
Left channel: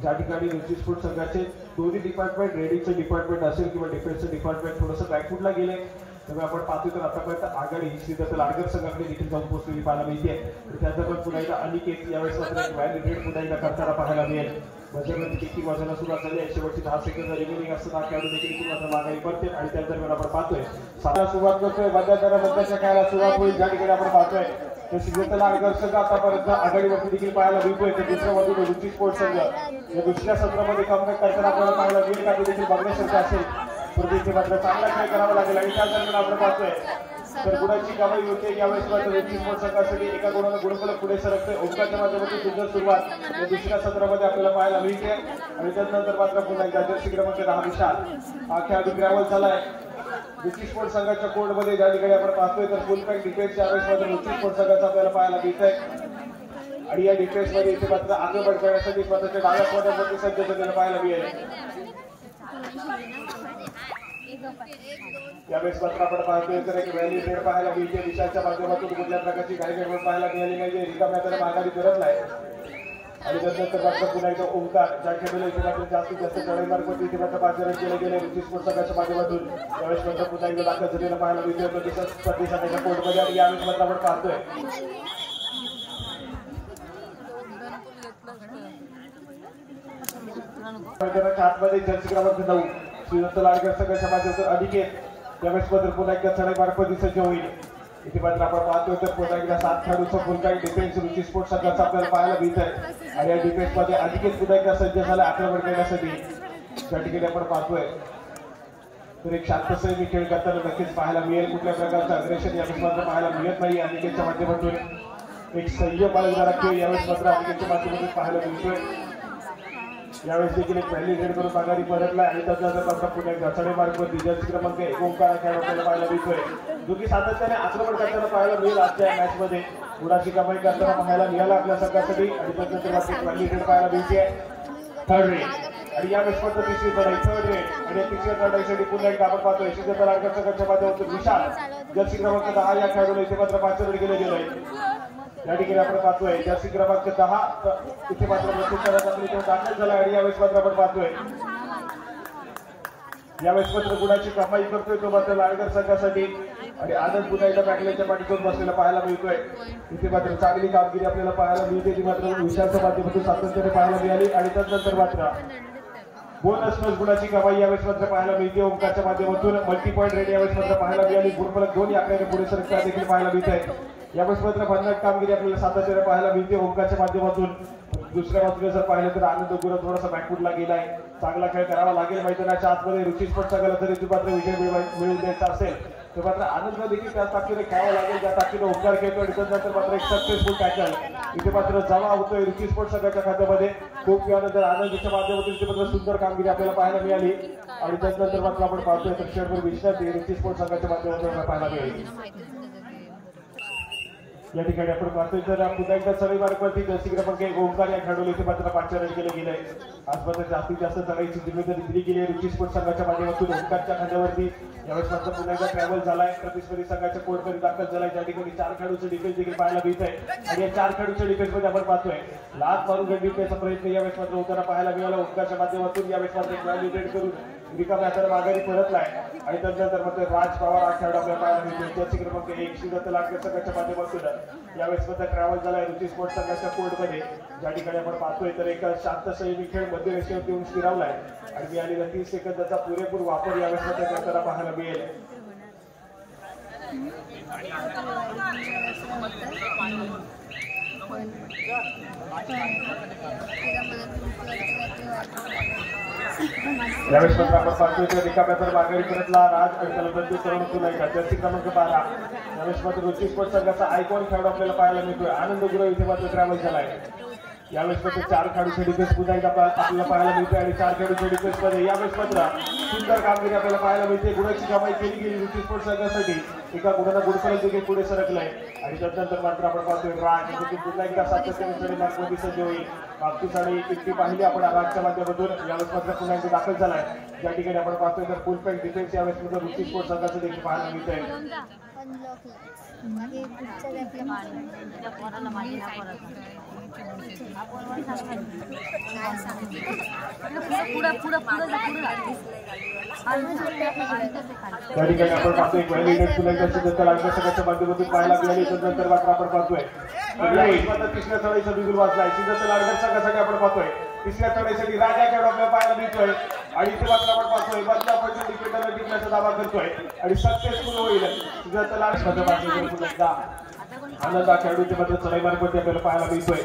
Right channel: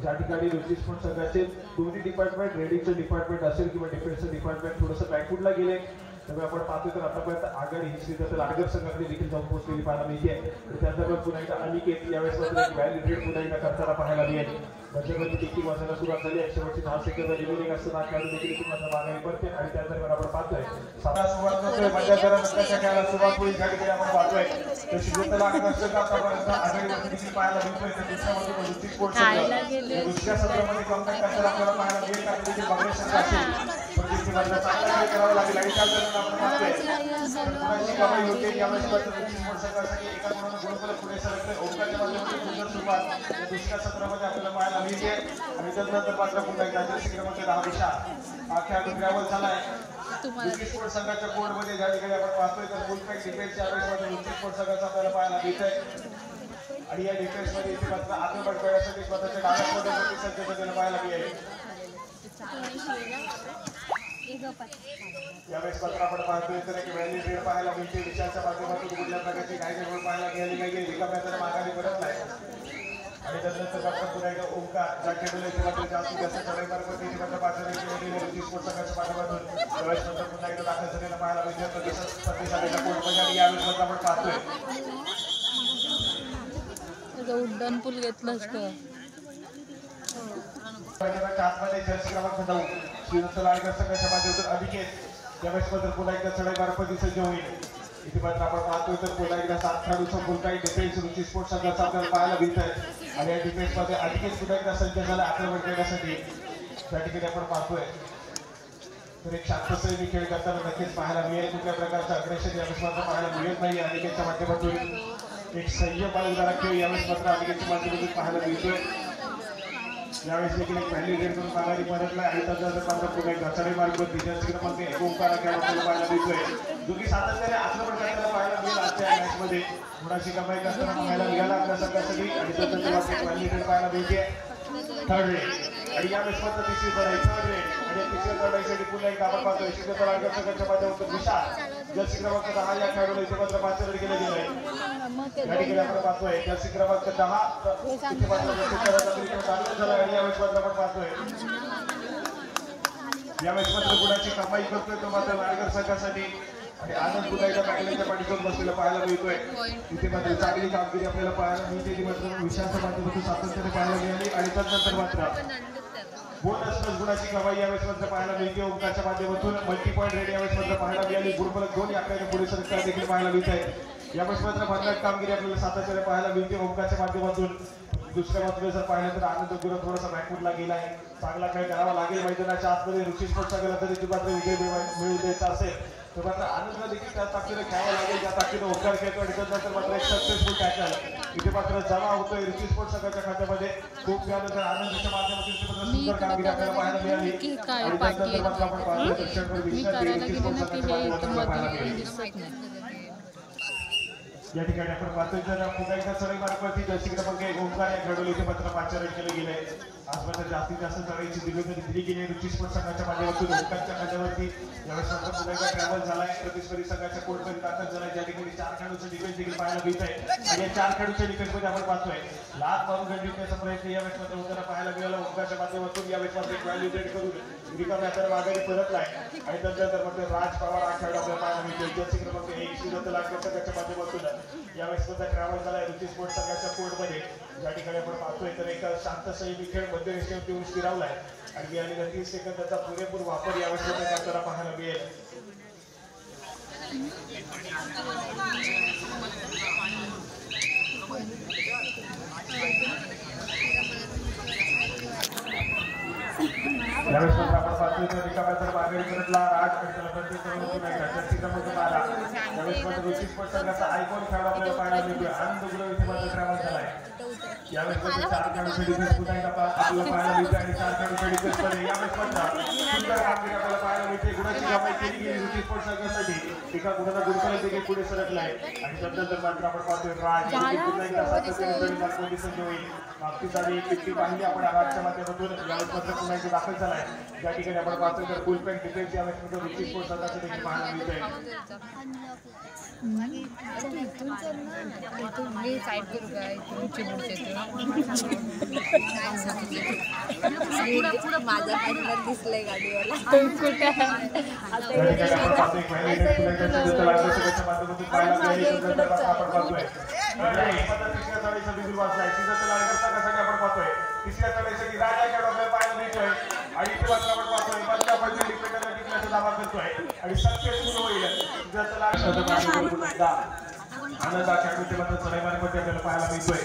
ज्या ठिकाणी रुची स्पोर्ट्स संघाचे दोन्ही डिपार्टमेंट रेडिंगचं डिपार्टमेंट असेल किंवा डिफेन्सचं डिपार्टमेंट थोडंसं बॅकफुटला गेले तेव्हा आपण पाहतोय तर आतापर्यंत आघाडी श्रीदत्त लाडकर संघाकडे देखील जाऊन पोहोचलेली पाहायला मिळते त्याच्यावर पुन्हा एकदा अनिकेत यावेळेस व्हॅल्यू रेट पुन्हा एकदा करताना पाहायला मिळेल त्याच्यामध्ये देखील वाजायला सुरुवात झाली शेवटची 10 सेकंद रिमेनिंग असताना खेळाडू देखील मात्र माघारी पडते आणि त्या दरम्यान आपण पाहतोय सुरुवात करतोय मध्यंतरानंतरच्या खेळाला सुरुवात होईल ज्या ठिकाणी आपण पाहतोय तर श्रीदत्त लाडकर संघ आतापर्यंत आघाडीवरती देखील पाहायला मिळतोय तर दुसऱ्या बाजूने रुची स्पोर्ट्स संघ दुसऱ्या सत्रामध्ये कॉन्टॅक्ट करताना आपल्याला पाहायला मिळेल का देखील बघण्यासारखं असेल तर देखील मात्र चांगला खेळ करावा लागेल आणि त्या दरम्यान आपण पाहतोय तर गुणाची कमाई होते यावेळेस मात्र रुची स्पोर्ट्स संघासाठी एका गुणानं गुणफलक पुढे सरकते ओंकारच्या माध्यमातून दुसरी सुरुवात दुसऱ्या सत्रामध्ये आपल्याला पाहायला मिळते आणि त्यानंतर मात्र पुन्हा एकदा जर्सी क्रमांक 10 विशाल हा खेळाडू ग्रावल झालाय रुची स्पोर्ट्स संघाच्या कोर्टमध्ये ज्या ठिकाणी आपण पाहतोय तर फुल पॅक डिफेन्सच्या यावेळेस मात्र रुची स्पोर्ट्स संघाचा आपल्याला पाहायला मिळतंय आणि या डिफेन्स मध्ये इथे मात्र आगमन करण्यासाठी स्वतःच्या भागामध्ये सज्ज पाहायला मिळेल यावेळेस मात्र आपण पाहतोय तर एक व्हॅल्यू रेड पाहायला मिळते विशालच्या माध्यमातून कुठल्या प्रकारची काही गडबड पाहायला मिळाली नाहीये रिकाम्या त्याला माघारी परतलाय आणि त्यानंतर मात्र पुन्हा एकदा ओंकार ज्या खेळाडूला इथे मात्र जास्तीत जास्त चढाईमार्ग इथे मात्र पाचारण केले गेले रुची स्पोर्ट्स संघाच्या माध्यमातून त्यावेळेस मात्र पुन्हा एकदा दाखल झालेला पाहायला मिळतोय तर दिवसात स्पर्धेसाठी कोर्टमध्ये आणि यावेळेस मात्र आपण पाहतोय उड्डाण पूल घेतलं आतमध्ये जर्सी क्रमांक 9 श्रीदत्त लाडकर संघाच्या माध्यमातून अनिकेत यावेळेस मात्र पुन्हा एकदा चढाईमार्ग सज्ज होईल इथे मात्र आपण पाहतोय तर पुन्हा एकदा 7 खेळाडूचं फुल पॅक डिफेन्स रुची स्पोर्ट्स संघाचा आपल्याला पाहायला मिळतंय आणि या डिफेन्स मध्ये अनिकेत पुन्हा एकदा सज्ज झाला आक्रमण करण्यासाठी त्या ठिकाणी आपण पाहतोय तर एक शांततेने खेळ करताना नक्कीच पाहायला मिळेल कुठल्या प्रकारचं अग्रेशन यावेळेस मात्र पाहायला मिळत नाही अनिकेतच्या माध्यमातून एक संयम बाळगणारा खेळ यावेळेस मात्र अनिकेतच्या माध्यमातून पाहायला मिळतोय यावेळेस देखील एक व्हॅल्यू रेड करून माघारी परतला आणि त्याच्यानंतर पुन्हा एकदा चढाईमार्ग जर्सी क्रमांक 1 ओंकार खेळाडूला पाहायला मिळतोय जो की सातत्याने आक्रमण करताना पाहायला मिळेल आजच्या मॅच मध्ये गुणाची कमाई करताना पाहायला मिळाला आपल्या संघासाठी आणि त्याच्यानंतर व्हॅल्यू रेड पाहायला मिळते थर्ड रेड आणि या विश्वाचं तिसरी चढाई थर्ड रेड आणि तिसऱ्या चढाईसाठी पुन्हा एकदा आपण पाहतोय शिंदे संघाच्या माध्यमातून विशाल जर्सी क्रमांक 10 या खेळाडूला इथे मात्र पाचवर गेले गेले या ठिकाणी आपण पाहतोय जर्सी क्रमांक 10 इथे मात्र झाला आणि या विश्वात आपण पाहतोय या विश्वात गुणाची कमाई करतोय तो मात्र लाडगर संघासाठी आणि आनंद गुणाच्या बॅटलीच्या पाठीतून बसलेला पाहायला मिळतोय इथे मात्र चांगली कामगिरी आपल्याला पाहायला मिळते ती मात्र विशालच्या माध्यमातून सातत्याने पाहायला मिळाली आणि त्यानंतर मात्र बोनस प्लस गुणाची कमाई यावेळेस मात्र पाहायला मिळते ओंकारच्या माध्यमातून मल्टी पॉईंट रेट यावेळेस मात्र पाहायला मिळाली गुणफलक 2 आपल्याला पुढे संख्या देखील पाहायला मिळते यावेळेस मात्र भन्नाट कामगिरी आपल्याला सातत्याने पाहायला मिळते ओंकारच्या माध्यमातून दुसऱ्या बाजूला जर पाहिलं तर आनंद गुरु थोडासा बॅकफुटला गेलाय चांगला खेळ करावा लागेल मैदानाच्या आतमध्ये रुची स्पोर्ट्स संघाला जरी ती मात्र विजय मिळवून द्यायचा असेल तर मात्र आनंद देखील त्या ताकदीने खेळायला लागेल त्या ताकदीने ओंकार खेळतोय त्यानंतर मात्र एक सक्सेसफुल टॅकल इथे मात्र जमा होतोय रुची स्पोर्ट्स संघाच्या खात्यामध्ये खूप वेळानंतर आनंदच्या माध्यमातून इथे मात्र सुंदर कामगिरी आपल्याला पाहायला मिळाली आणि त्यानंतर मात्र आपण पाहतोय क्षणभर विश्रांती रुची स्पोर्ट्स संघाच्या माध्यमातून पाहायला मिळाली या ठिकाणी आपण पाहतोय तर पुन्हा एकदा चढी मार्गावरती जर्सी क्रमांक 1 ओंकार या खेळाडूला इथे मात्र 5 रन केले गेले आजपर्यंत जास्तीत जास्त चढाईची जिम्मेदारी दिली गेली रुची स्पोर्ट्स संघाच्या माध्यमातून ओंकारच्या खांद्यावरती यावेळेस मात्र पुन्हा एकदा ट्रॅव्हल झालाय प्रतिस्पर्धी संघाच्या कोर्टमध्ये दाखल झालाय त्या ठिकाणी 4 खेळाडूचे डिफेन्स देखील पाहायला मिळत आहे आणि या 4 खेळाडूच्या डिफेन्समध्ये आपण पाहतोय लात मारून गंडीचा प्रयत्न यावेळेस मात्र होताना पाहायला मिळाला ओंकारच्या माध्यमातून यावेळेस मात्र व्हॅलिडेट करून रिकाम्या हाताने माघारी परतलाय आणि त्यानंतर मात्र राज पवार हा खेळाडू आपल्याला पाहायला मिळतोय जर्सी क्रमांक 1 श्रीदत्त लाडकर संघाच्या माध्यमातून यावेळेस मात्र ट्रॅव्हल झालाय रुची स्पोर्ट्स संघाच्या कोर्टमध्ये ज्या ठिकाणी आपण पाहतोय तर एका शांत संयमी खेळ मध्य रेषेवर येऊन स्थिरावलाय आणि मिळालेला 30 सेकंदाचा पुरेपूर वापर यावेळेस मात्र करताना पाहायला मिळेल यावेळेस आपण पाहतोय रिकाम्या जर माघारी करतला राज त्याला बंदी करून पुन्हा एकदा जर्सी क्रमांक 12 यावेळेस मात्र रुची स्पोर्ट्स संघाचा आयकॉन खेळाडू आपल्याला पाहायला मिळतोय आनंद गुरु इथे मात्र ट्रॅव्हल झालाय यावेळेस मात्र 4 खेळाडूचे डिफेन्स पुन्हा एकदा आपल्याला पाहायला मिळतोय आणि 4 खेळाडूचे डिफेन्स मध्ये यावेळेस मात्र सुंदर कामगिरी आपल्याला पाहायला मिळते गुणाची कमाई केली गेली रुची स्पोर्ट्स संघासाठी एका गुणाला गुणफलक देखील पुढे सरकलाय आणि त्यानंतर मात्र आपण पाहतोय राज देखील पुन्हा एकदा सातत्याने नागपूर संजय होईल बाबतीस आणि इतकी पाहिली आपण आवाजच्या माध्यमातून यावेळेस मात्र पुन्हा एकदा दाखल झालाय या ठिकाणी आपण पाहतोय तर फुल पॅक डिफेन्स यावेळेस मात्र रुची स्पोर्ट्स संघाचं देखील पाहायला मिळतंय या ठिकाणी आपण पाहतोय व्हॅलिडेट पुन्हा एकदा सिद्धता लाडकर संघाच्या माध्यमातून पाहायला मिळाली त्यानंतर मात्र आपण पाहतोय तिसऱ्या चढाईचा बिगुल वाजलाय सिद्धता लाडकर संघासाठी आपण पाहतोय तिसऱ्या चढाईसाठी राजा खेळ आपल्याला पाहायला मिळतोय आणि इथे मात्र आपण पाहतोय बदलापूरच्या डिफेंडरला टिकण्याचा दावा करतोय आणि सक्सेसफुल होईल सिद्धता लाडकर आनंदा खेळाडू ते मात्र चढाई मार्गावरती आपल्याला पाहायला मिळतोय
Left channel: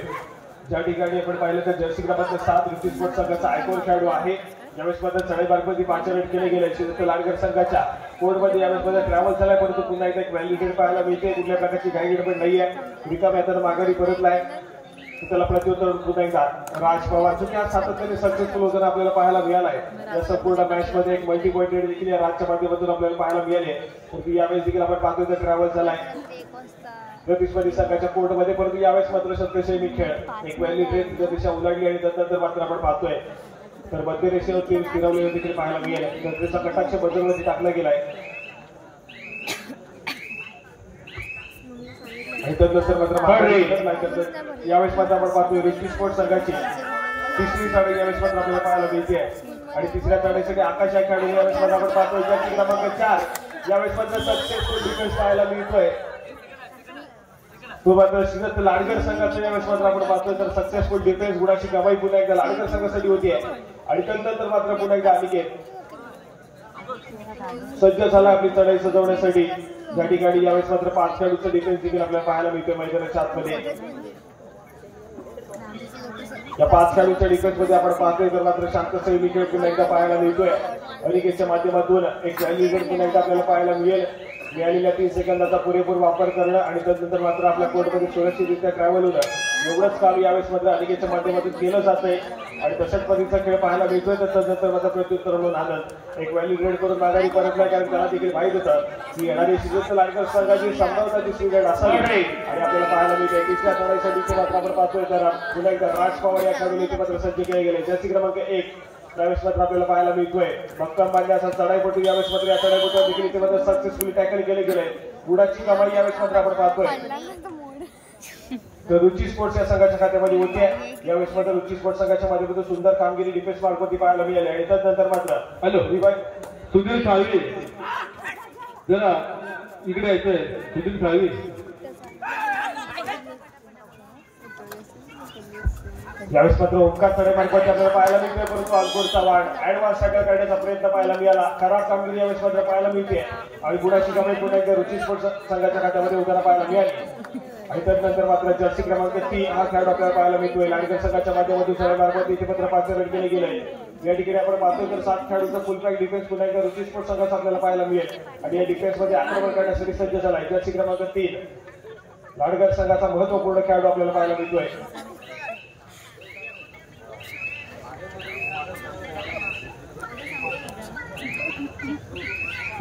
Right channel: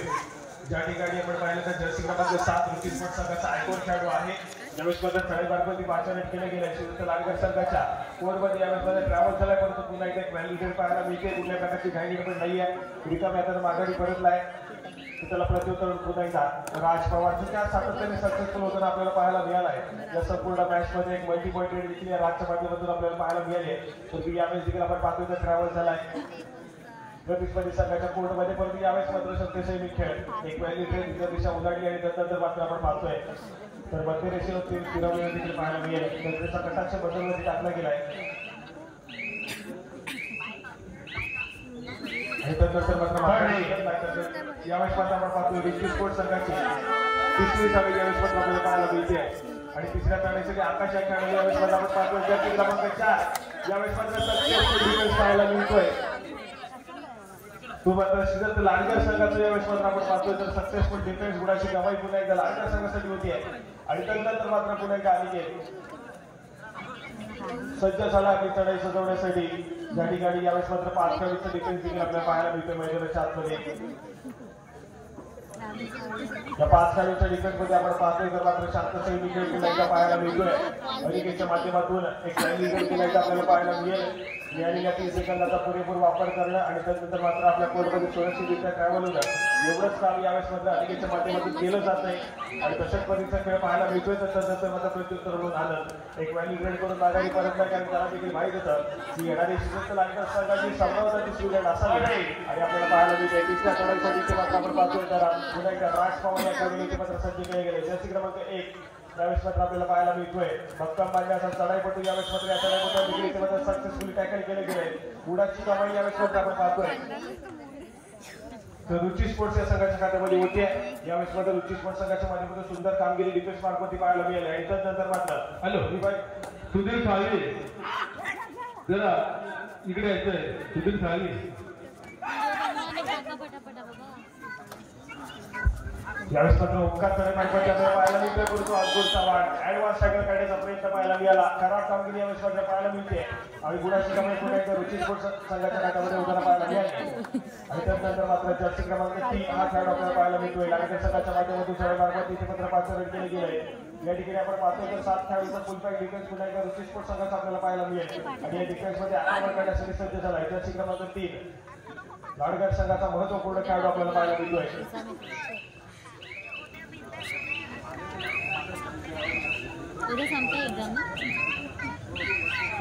ज्या ठिकाणी आपण पाहिलं तर जर्सी क्रमांक 7 रुची स्पोर्ट्स संघाचा आयकॉन खेळाडू आहे यावेळेस मात्र चढाई मार्गावरती 5 रन केले गेले सिद्धता लाडकर संघाच्या कोर्टमध्ये यावेळेस मध्ये ट्रॅव्हल झालाय परंतु पुन्हा एकदा एक व्हॅल्यू पाहायला मिळते कुठल्या प्रकारची घाई गडबड नाहीये रिकाम्या हाताने माघारी परतलाय त्याला प्रत्युत्तर पुन्हा एकदा राज पवार जो त्या सातत्याने सक्सेसफुल होताना आपल्याला पाहायला मिळालाय या संपूर्ण मॅच मध्ये एक मल्टी पॉईंट रेट देखील या राजच्या माध्यमातून आपल्याला पाहायला मिळाले तर यावेळेस देखील आपण पाहतोय तर ट्रॅव्हल झालाय प्रतिस्पर्धी संघाच्या कोर्टमध्ये परंतु यावेळेस मात्र सत्तेशी खेळ एक व्हॅल्यू ट्रेन दिशा उलटली आणि त्यानंतर मात्र आपण पाहतोय तर मध्य रेषेवरती फिरवलेलं देखील पाहायला मिळेल तर त्याचा कटाक्ष बदलवरती टाकला गेलाय आणि त्यानंतर मात्र यावेळेस मात्र आपण पाहतोय रुची स्पोर्ट्स संघाची तिसरी चढाई यावेळेस मात्र आपल्याला पाहायला मिळते आणि तिसऱ्या चढाईसाठी आकाश या खेळाडू यावेळेस मात्र आपण पाहतोय जर्सी क्रमांक 4 यावेळेस मात्र सक्सेसफुल डिफेन्स पाहायला मिळतोय तो मात्र श्रीदत्त लाडकर संघाचा यावेळेस मात्र आपण पाहतोय तर सक्सेसफुल डिफेन्स गुणाची कमाई पुन्हा एकदा लाडकर संघासाठी होती आणि त्यानंतर मात्र पुन्हा एकदा अनिकेत सज्ज झाला आपली चढाई सजवण्यासाठी या ठिकाणी यावेळेस मात्र 5 खेळाडूचा डिफेन्स देखील आपल्याला पाहायला मिळतोय मैदानाच्या आतमध्ये या 5 खेळाडूच्या डिफेन्स मध्ये आपण पाहतोय तर मात्र शांत सैनिक खेळ पुन्हा एकदा पाहायला मिळतोय अनिकेतच्या माध्यमातून एक व्हॅल्यू पुन्हा एकदा आपल्याला पाहायला मिळेल मिळालेल्या 30 सेकंदाचा पुरेपूर वापर करणं आणि त्यानंतर मात्र आपल्या कोर्टमध्ये सुरक्षितरित्या ट्रॅव्हल होणं एवढंच काम यावेळेस मात्र अनिकेतच्या माध्यमातून केलं जातंय आणि तशाच पद्धतीचा खेळ पाहायला मिळतोय त्यानंतर मात्र प्रत्युत्तर म्हणून आनंद एक व्हॅल्यू ग्रेड करून माघारी परत नाही कारण त्याला देखील माहित होतं की येणारी श्रीदत्त लाडकर संघाची संभाव्यता दिसली गेली असावी आणि आपल्याला पाहायला मिळते तिसऱ्या चढाईसाठी मात्र आपण पाहतोय तर पुन्हा एकदा राज पवार या खेळाडूने मात्र सज्ज केले गेले जर्सी क्रमांक 1 यावेळेस मात्र आपल्याला पाहायला मिळतोय. भक्कम बांधणे असा चढाईपट्टी यावेळेस मात्र या चढाईपट्टीवर देखील इथे सक्सेसफुली टॅकल केले गेले. गुणाची कमाई यावेळेस मात्र आपण पाहतोय. तर रुची स्पोर्ट्स या संघाच्या खात्यामध्ये होती. यावेळेस मात्र रुची स्पोर्ट्स संघाच्या माध्यमातून सुंदर कामगिरी डिफेन्स मार्फत पाहायला मिळाली आणि त्यानंतर मात्र हॅलो सुधीर साळवी जरा इकडे यायचंय. सुधीर साळवी यावेळेस मात्र ओंकार तडेमार्गाच्या आपल्याला पाहायला मिळतोय. परंतु अंकुरचा वाढ ऍडव्हान्स टॅकल काढण्याचा प्रयत्न पाहायला मिळाला. खराब कामगिरी यावेळेस मात्र पाहायला मिळते आणि गुणाची कमाई पुन्हा एकदा रुची स्पोर्ट्स संघाच्या खात्यामध्ये उतारा पाहायला मिळाली. आणि त्यानंतर मात्र जर्सी क्रमांक 3 हा खेळाडू आपल्याला पाहायला मिळतोय. लाडकर संघाच्या माध्यमातून चढाईमार्फत इथे मात्र 5 रन केले गेले. या ठिकाणी आपण पाहतोय तर 7 खेळाडूंचा फुल पॅक डिफेन्स पुन्हा एकदा रुची स्पोर्ट्स संघाचा आपल्याला पाहायला मिळेल. आणि या डिफेन्स मध्ये आक्रमण करण्यासाठी सज्ज झाला आहे जर्सी क्रमांक 3 लाडकर संघाचा महत्वपूर्ण खेळाडू आपल्याला पाहायला मिळतोय.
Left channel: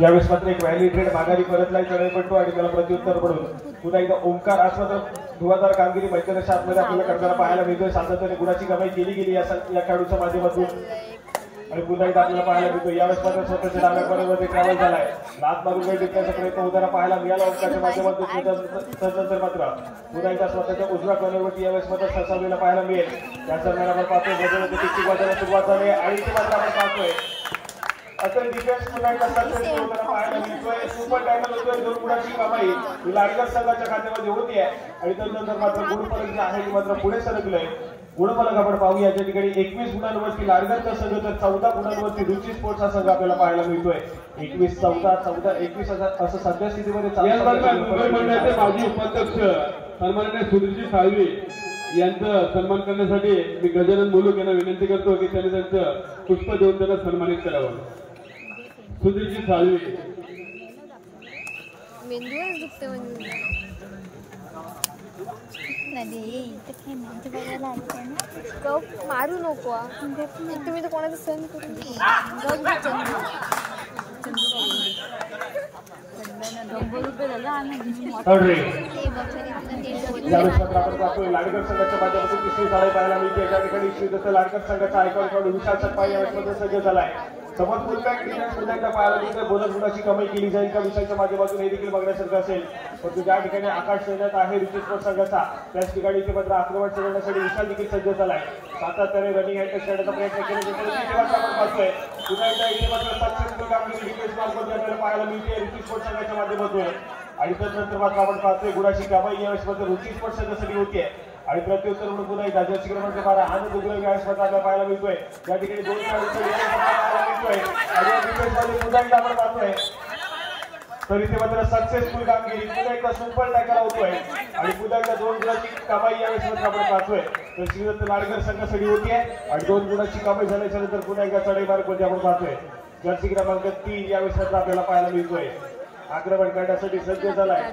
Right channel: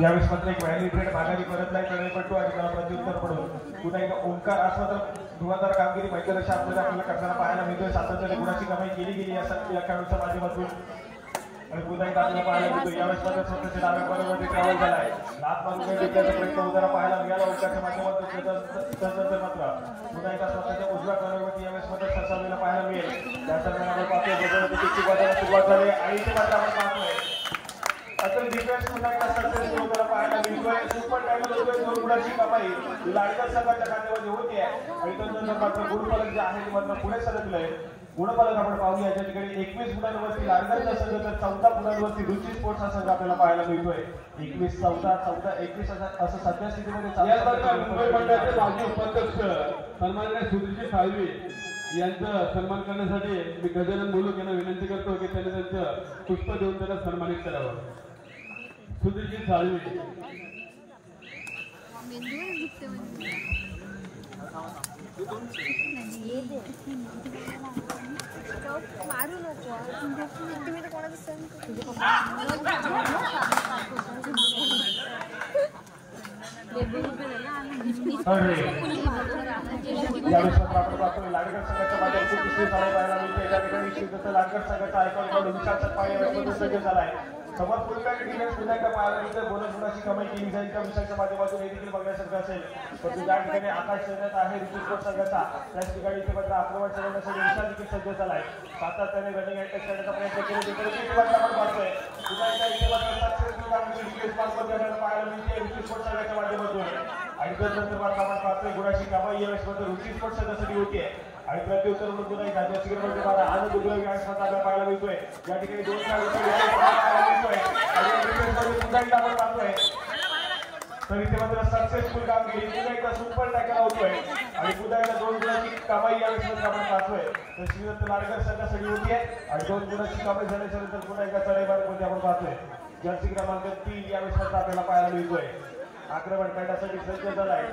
यावेळेस मात्र एक व्हॅली ट्रेड माघारी परतलाय चढाईपट्टू आणि त्याला प्रत्युत्तर पडून पुन्हा एकदा ओंकार आज मात्र धुवाधार कामगिरी मैदानाच्या आतमध्ये आपल्याला करताना पाहायला मिळतोय. सातत्याने गुणाची कमाई केली गेली या खेळाडूच्या माध्यमातून आणि पुन्हा एकदा आपल्याला पाहायला मिळतोय. यावेळेस मात्र स्वतःच्या डाव्या कॉर्नरमध्ये ट्रॅव्हल झालाय. लात मारून काही जिंकण्याचा प्रयत्न होताना पाहायला मिळाला ओंकारच्या माध्यमातून. त्यानंतर मात्र पुन्हा एकदा स्वतःच्या उजव्या कॉर्नरवरती यावेळेस मात्र ससावलेला पाहायला मिळेल. त्या दरम्यान आपण पाहतोय सुरुवात झाली आणि ती मात्र आपण पाहतोय आता डिफेन्स पुन्हा एकदा सक्सेसफुल पाहायला मिळतोय. सुपर टॅकल होतोय. 2 गुणाची कमाई ही लाडकर संघाच्या खात्यामध्ये होती आहे आणि त्यानंतर मात्र गुणफलक जे आहे मात्र पुढे सरकलंय. गुणफलक आपण पाहूया. या ठिकाणी 21 गुणांवरती लाडकरचा संघ तर 14 गुणांवरती रुची स्पोर्ट्सचा संघ आपल्याला पाहायला मिळतोय. 21 14 21 असं सध्या स्थितीमध्ये मुंबई मंडळाचे माजी उपाध्यक्ष सन्माननीय सुधीरजी साळवी यांचा सन्मान करण्यासाठी मी गजानन मुलूक यांना विनंती करतो की त्यांनी त्यांचं पुष्प देऊन त्यांना सन्मानित करावं. सुधीरजी साळवी मारू नको तुम्ही तर कोणाचं सहन करू. लाडकर संघाच्या माध्यमातून तिसरी साडी पाहायला मिळते. त्या ठिकाणी लाडकर संघाचा आयकॉन विशाल सत्पाई सज्ज झालाय. समोर पुन्हा एकदा पाहायला मिळते. बोनस गुणाची कमाई केली जाईल का विषयाच्या माध्यमातून हे देखील बघण्यासारखं असेल. परंतु ज्या ठिकाणी आकाश सैन्यात आहे रुची स्पोर्ट्स संघाचा त्याच ठिकाणी इथे मात्र आक्रमण करण्यासाठी विशाल देखील सज्ज झालाय. सातत्याने रनिंग हँड करण्याचा प्रयत्न केला. पुन्हा एकदा इथे मात्र सक्सेसफुल कामगिरी डिफेन्स मार्फत पाहायला मिळते रुची स्पोर्ट्स संघाच्या माध्यमातून. आणि त्यानंतर मात्र आपण पाहतोय गुणाची कमाई यावेळेस मात्र रुची स्पोर्ट्स संघासाठी होती आहे. आणि प्रत्युत्तर म्हणून नाही जर्सी क्रमांक 12 आनंद गुलाब यावेळेस मात्र आपल्याला पाहायला मिळतोय. या ठिकाणी 2 खेळाडू तर इथे मात्र सक्सेसफुल कामगिरी पुन्हा एकदा सुपर टॅकल होतोय आणि पुन्हा एकदा 2 गुणाची कमाई यावेळेस मात्र आपण पाहतोय. तर श्रीदत्त लाडकर संघासाठी होती आहे आणि 2 गुणाची कमाई झाल्याच्या नंतर पुन्हा एकदा चढाईमार्गमध्ये आपण पाहतोय. जर्सी क्रमांक 3 यावेळेस मात्र आपल्याला पाहायला मिळतोय. आक्रमण करण्यासाठी सज्ज झालाय.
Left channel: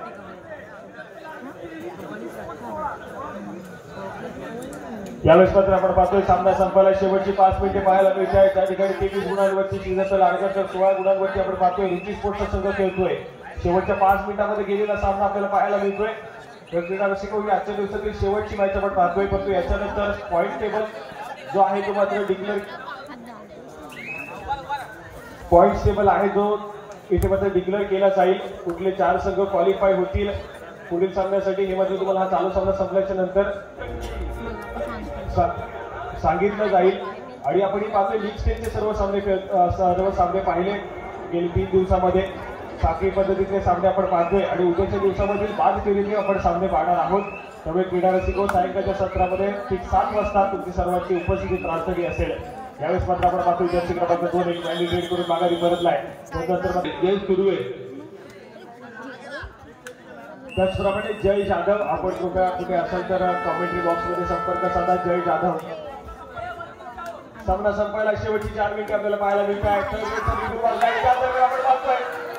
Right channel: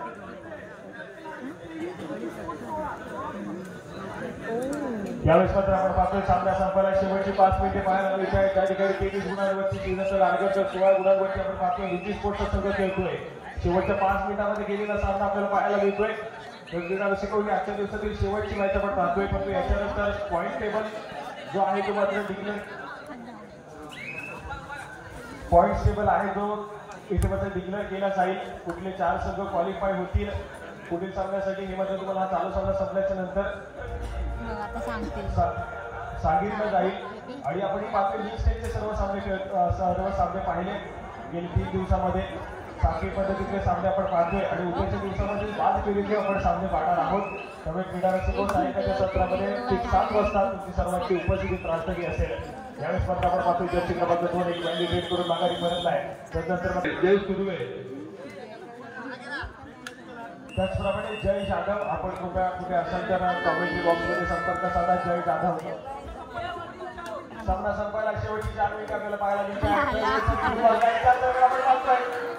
यावेळेस मात्र आपण पाहतोय सामना संपायला शेवटची 5 मिनिटे पाहायला मिळते आहे. त्या ठिकाणी 23 गुणांवरती श्रीदत्त लाडकरच्या 16 गुणांवरती आपण पाहतोय रुची स्पोर्ट्सचा संघ खेळतोय. शेवटच्या 5 मिनिटांमध्ये गेलेला सामना आपल्याला पाहायला मिळतोय. प्रत्येकाविषयी आजच्या दिवसातील शेवटची मॅच आपण पाहतोय. परंतु याच्यानंतर पॉईंट टेबल जो आहे तो मात्र डिक्लेअर पॉईंट टेबल आहे जो इथे मात्र डिक्लेअर केला जाईल. कुठले 4 संघ क्वालिफाय होतील पुढील सामन्यासाठी हे मात्र तुम्हाला हा चालू सामना संपल्याच्या नंतर सांगितलं जाईल. आणि आपण पाहतोय लीग स्टेजचे सर्व सामने पाहिले गेले 3 दिवसामध्ये साखळी पद्धतीचे सामने आपण पाहतोय आणि उद्याच्या दिवसामध्ये 5 फेरीचे आपण सामने पाहणार आहोत. त्यामुळे क्रीडा रसिक सायंकाळच्या सत्रामध्ये ठीक 7 वाजता तुमची सर्वांची उपस्थिती प्रार्थनी असेल. यावेळेस मात्र आपण पाहतोय जर्सी क्रमांक 2 एक रॅली लीड करून माघारी परतलाय. जय सुरू आहे. त्याचप्रमाणे जय जाधव आपण कृपया कुठे असेल तर कॉमेंट्री बॉक्समध्ये संपर्क साधा. जय जाधव सामना संपायला शेवटची 4 मिनिटे आपल्याला पाहायला मिळते.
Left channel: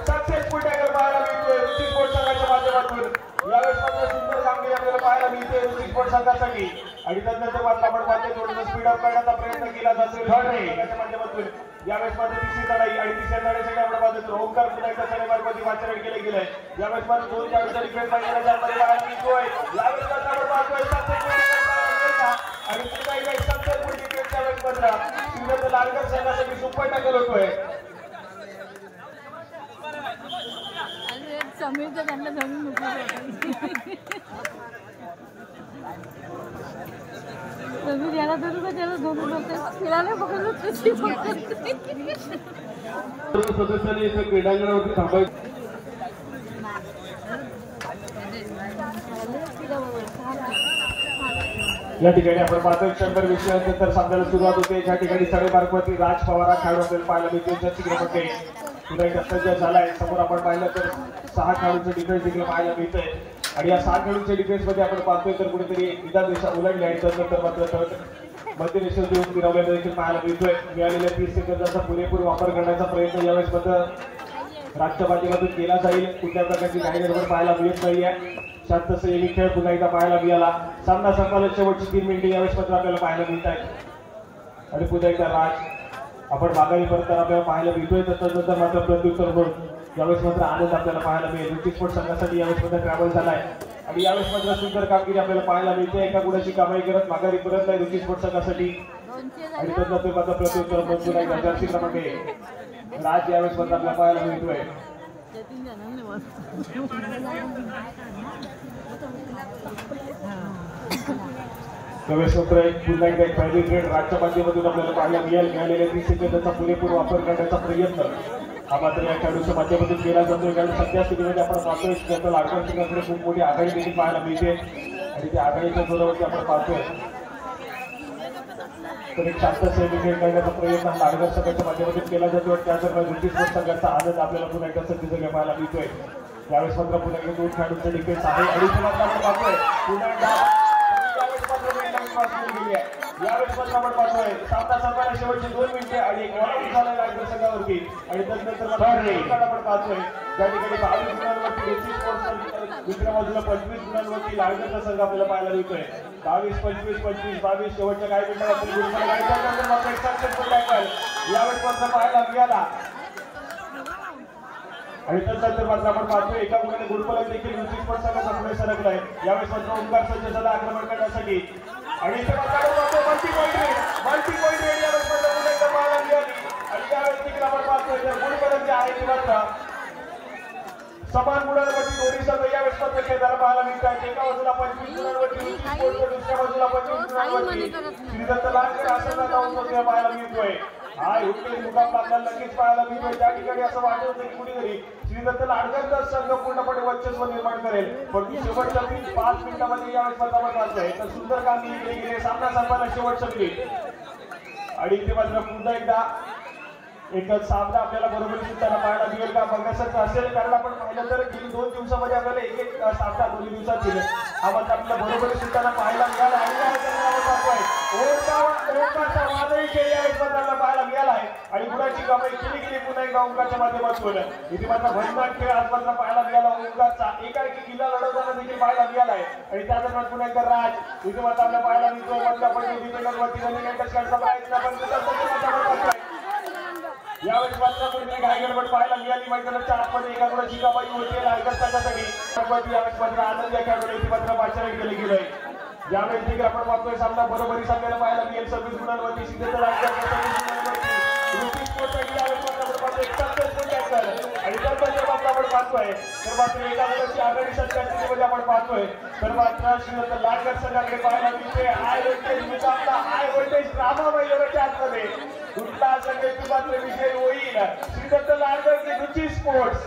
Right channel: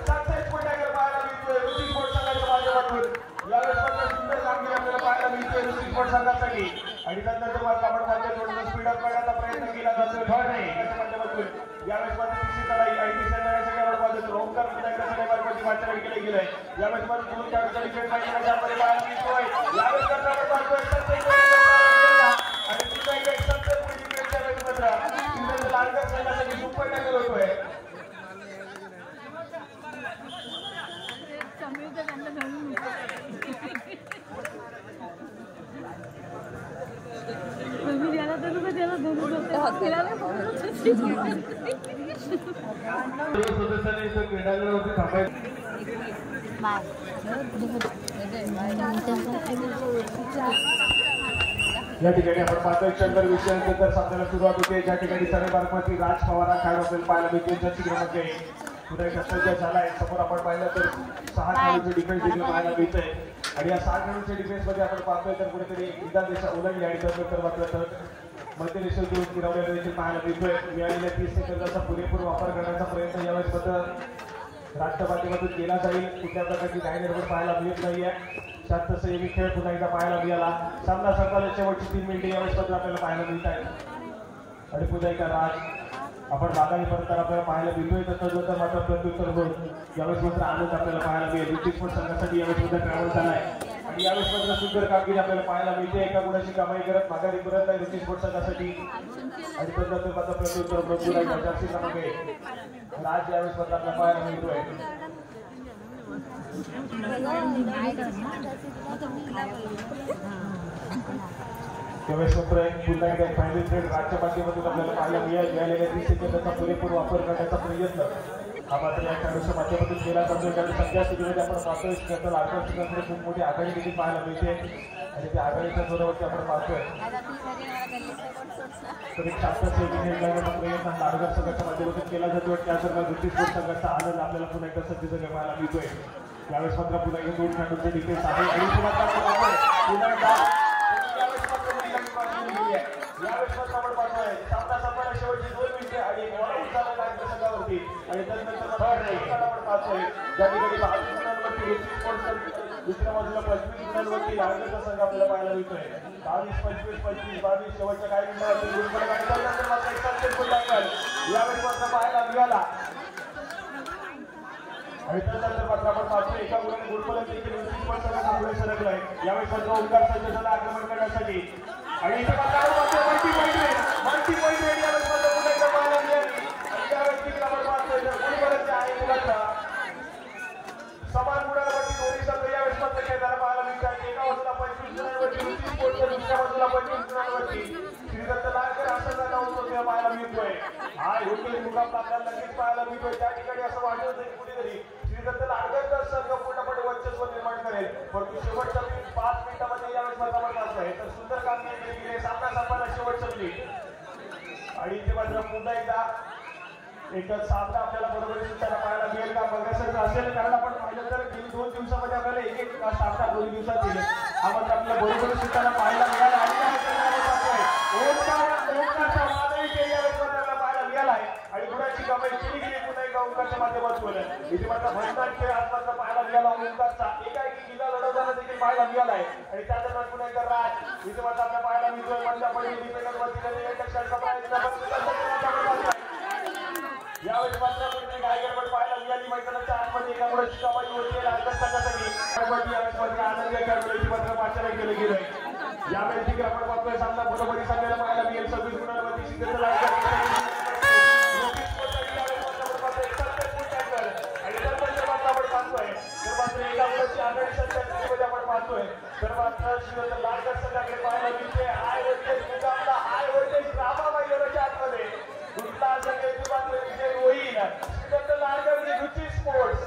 सक्सेसफुल टॅकल पाहायला मिळतोय रुची स्पोर्ट्स संघाच्या माध्यमातून. यावेळेस मात्र सुंदर कामगिरी आपल्याला पाहायला मिळते रुची स्पोर्ट्स संघासाठी. आणि त्यानंतर मात्र आपण पाहतोय थोडं स्पीड अप करण्याचा प्रयत्न केला जातो याच्या माध्यमातून. यावेळेस मात्र तिसरी लढाई आणि तिसऱ्या लढाईसाठी आपण पाहतो ओंकार पुन्हा एकदा शनिवारमध्ये मार्चमेंट केले गेले. यावेळेस मात्र 2 खेळाडूंचा विकेट पाहिजे पाहायला मिळतोय. यावेळेस मात्र आपण पाहतोय आणि पुन्हा एकदा सक्सेसफुल विकेटच्या वेळेस मात्र लाडकर सदस्यांनी इथं क्रीडांगणावरती थांबायचं. या ठिकाणी आपण पाहतोय शंभर विषयानंतर सामन्याला सुरुवात होते. ज्या ठिकाणी साडेबारावरती राज पवार हा खेळाडू आपल्याला पाहायला मिळतो. त्यांच्या चित्रामध्ये पुन्हा एकदा सज्ज झालाय. समोर आपण पाहिलं तर 6 खेळाडूंचे डिफेन्स देखील पाहायला मिळतंय आणि या 6 खेळाडूंच्या डिफेन्स मध्ये आपण पाहतोय तर कुठेतरी एकदा दिशा उलटली आणि त्यानंतर मात्र मध्य रेषेवर देऊन फिरवलेलं देखील पाहायला मिळतोय. मिळालेल्या 30 सेकंदाचा पुरेपूर वापर करण्याचा प्रयत्न यावेळेस मात्र राजच्या माध्यमातून केला जाईल. कुठल्या प्रकारची काही गडबड पाहायला मिळत नाहीये. शांत एक खेळ पुन्हा एकदा पाहायला मिळाला. सामना संपला. शेवटची 3 मिनिटे यावेळेस मात्र आपल्याला पाहायला मिळत आहेत आणि पुन्हा एकदा राज आपण माघारी परत आपल्याला पाहायला मिळतोय. त्याच्यानंतर मात्र प्रत्युत्तर म्हणून यावेळेस मात्र आनंद आपल्याला पाहायला मिळेल. रुची स्पोर्ट्स संघासाठी यावेळेस मात्र ट्रॅव्हल झालाय आणि यावेळेस मात्र सुंदर कामगिरी आपल्याला पाहायला मिळते. एका गुणाची कामाई करत माघारी परत नाही रुची स्पोर्ट्स संघासाठी आणि त्यानंतर मात्र प्रत्युत्तर मंजूर आहे. जर्सी क्रमांक राज यावेळेस मात्र आपल्याला पाहायला मिळतोय. यावेळेस मात्र पुन्हा एकदा पहिली ट्रेड राजच्या माध्यमातून आपल्याला पाहायला मिळेल. मिळालेल्या 30 सेकंदाचा पुरेपूर वापर करण्याचा प्रयत्न हा मात्र या खेळाडूच्या माध्यमातून केला जातो. कारण सध्या स्थितीमध्ये आपण पाहतोय त्याचं लाडकांकडे खूप मोठी आघाडी देखील पाहायला मिळते आणि त्या आघाडीच्या जोरावरती आपण पाहतोय तर एक शांत सैनिक करण्याचा प्रयत्न लाडकर संघाच्या माध्यमातून केला जातो. त्याचबरोबर रुची स्पोर्ट्स संघाचा आनंद आपल्याला पुन्हा एकदा सज्ज जागा पाहायला मिळतोय. यावेळेस मात्र पुन्हा एकदा 2 खेळाडूंचे डिफेन्स आहे आणि पुन्हा आपण पाहतोय यावेळेस मात्र आपण पाहतोय सामना संपायला शेवटचे 2 मिनिटे आणि एक वॉर्निंग झालेला आहे संघावरती आणि त्यानंतर आपण पाहतोय त्या ठिकाणी 22 गुणांवरती रुची स्पोर्ट्स दुसऱ्या बाजूला 25 गुणांवरती लाडकरचा संघ आपल्याला पाहायला मिळतोय. 22 25 25 22 शेवटच्या काही मिनिटांमध्ये यावेळेस मात्र पाहायला मिळाला आणि त्यानंतर मात्र आपण पाहतोय एका मुलाने गुरुकुलात देखील रुची स्पोर्ट्स संघाचा प्रवेश लागलाय. यावेळेस मात्र ओंकार सज्ज झाला आक्रमण करण्यासाठी आणि इथे मात्र मल्टी पॉईंट समान गुणांवरती दोन्ही संघ यावेळेस मात्र खेळताना पाहायला मिळतात. एका बाजूला 25 गुणांवरती दुसऱ्या बाजूला 25 गुणांवरती श्रीदत्त लाडकर संघाचा जाऊन पाहायला मिळतोय. हा योग्य मुकाबला आपल्याला नक्कीच पाहायला मिळतोय. त्या ठिकाणी असं वाटत होतं की कुठेतरी श्रीदत्त लाडकरचा संघ पूर्णपणे वर्चस्व निर्माण करेल पण शेवटच्या 5 मिनिटांमध्ये यावेळेस मात्र आपण पाहतोय तर सुंदर कामगिरी केली गेली. सामना संपायला शेवटचं मिनिट आणि इथे मात्र पुन्हा एकदा एकच सामना आपल्याला बरोबरी सुद्धा पाहायला मिळेल का बघण्यासारखं असेल. त्यामुळे आपण पाहिलं तर गेली 2 दिवसामध्ये आपल्याला एक सामना 2 दिवसात दिले हा मात्र आपल्याला बरोबरी सुद्धा पाहायला मिळाला पाहायला मिळाला आहे आणि गुणाची कामाई केली गेली पुन्हा एकदा ओंकारच्या माध्यमातून. इथे मात्र भयंकर खेळ आज मात्र पाहायला मिळाला. ओंकारचा एकाएकी किल्ला लढवताना देखील पाहायला मिळाला आहे आणि त्या दरम्यान पुन्हा एकदा राज इथे मात्र आपल्याला पाहायला मिळतोय. मधल्या पडली डिफेंडरवरती यावेळी मात्र कोणीतरी घाई गडबड पाहायला मिळाली. मैदानाच्या आतमध्ये एका गुणाची कामाई होते लाडकर संघासाठी. यावेळेस मात्र आनंद या खेळाडूने मात्र पाचारण केले गेले. यावेळी देखील आपण पाहतोय सामना बरोबरी आपल्याला पाहायला मिळेल. 26 गुणांवरती श्रीदत्त लाडकर आणि त्यानंतर आपण पाहतोय तर मात्र एका गुणाची आघाडी सध्या आपण पाहतोय तर मात्र श्रीदत्त लाडकर संघाकडे पाहायला मिळतोय. हाय व्होल्टेज मुकाबला हाय व्होल्टेज ड्रामा मैदानाच्या आतमध्ये कुठला असं काही मात्र विजय होईल. श्रीदत्त लाडकर की रुची स्पोर्ट्स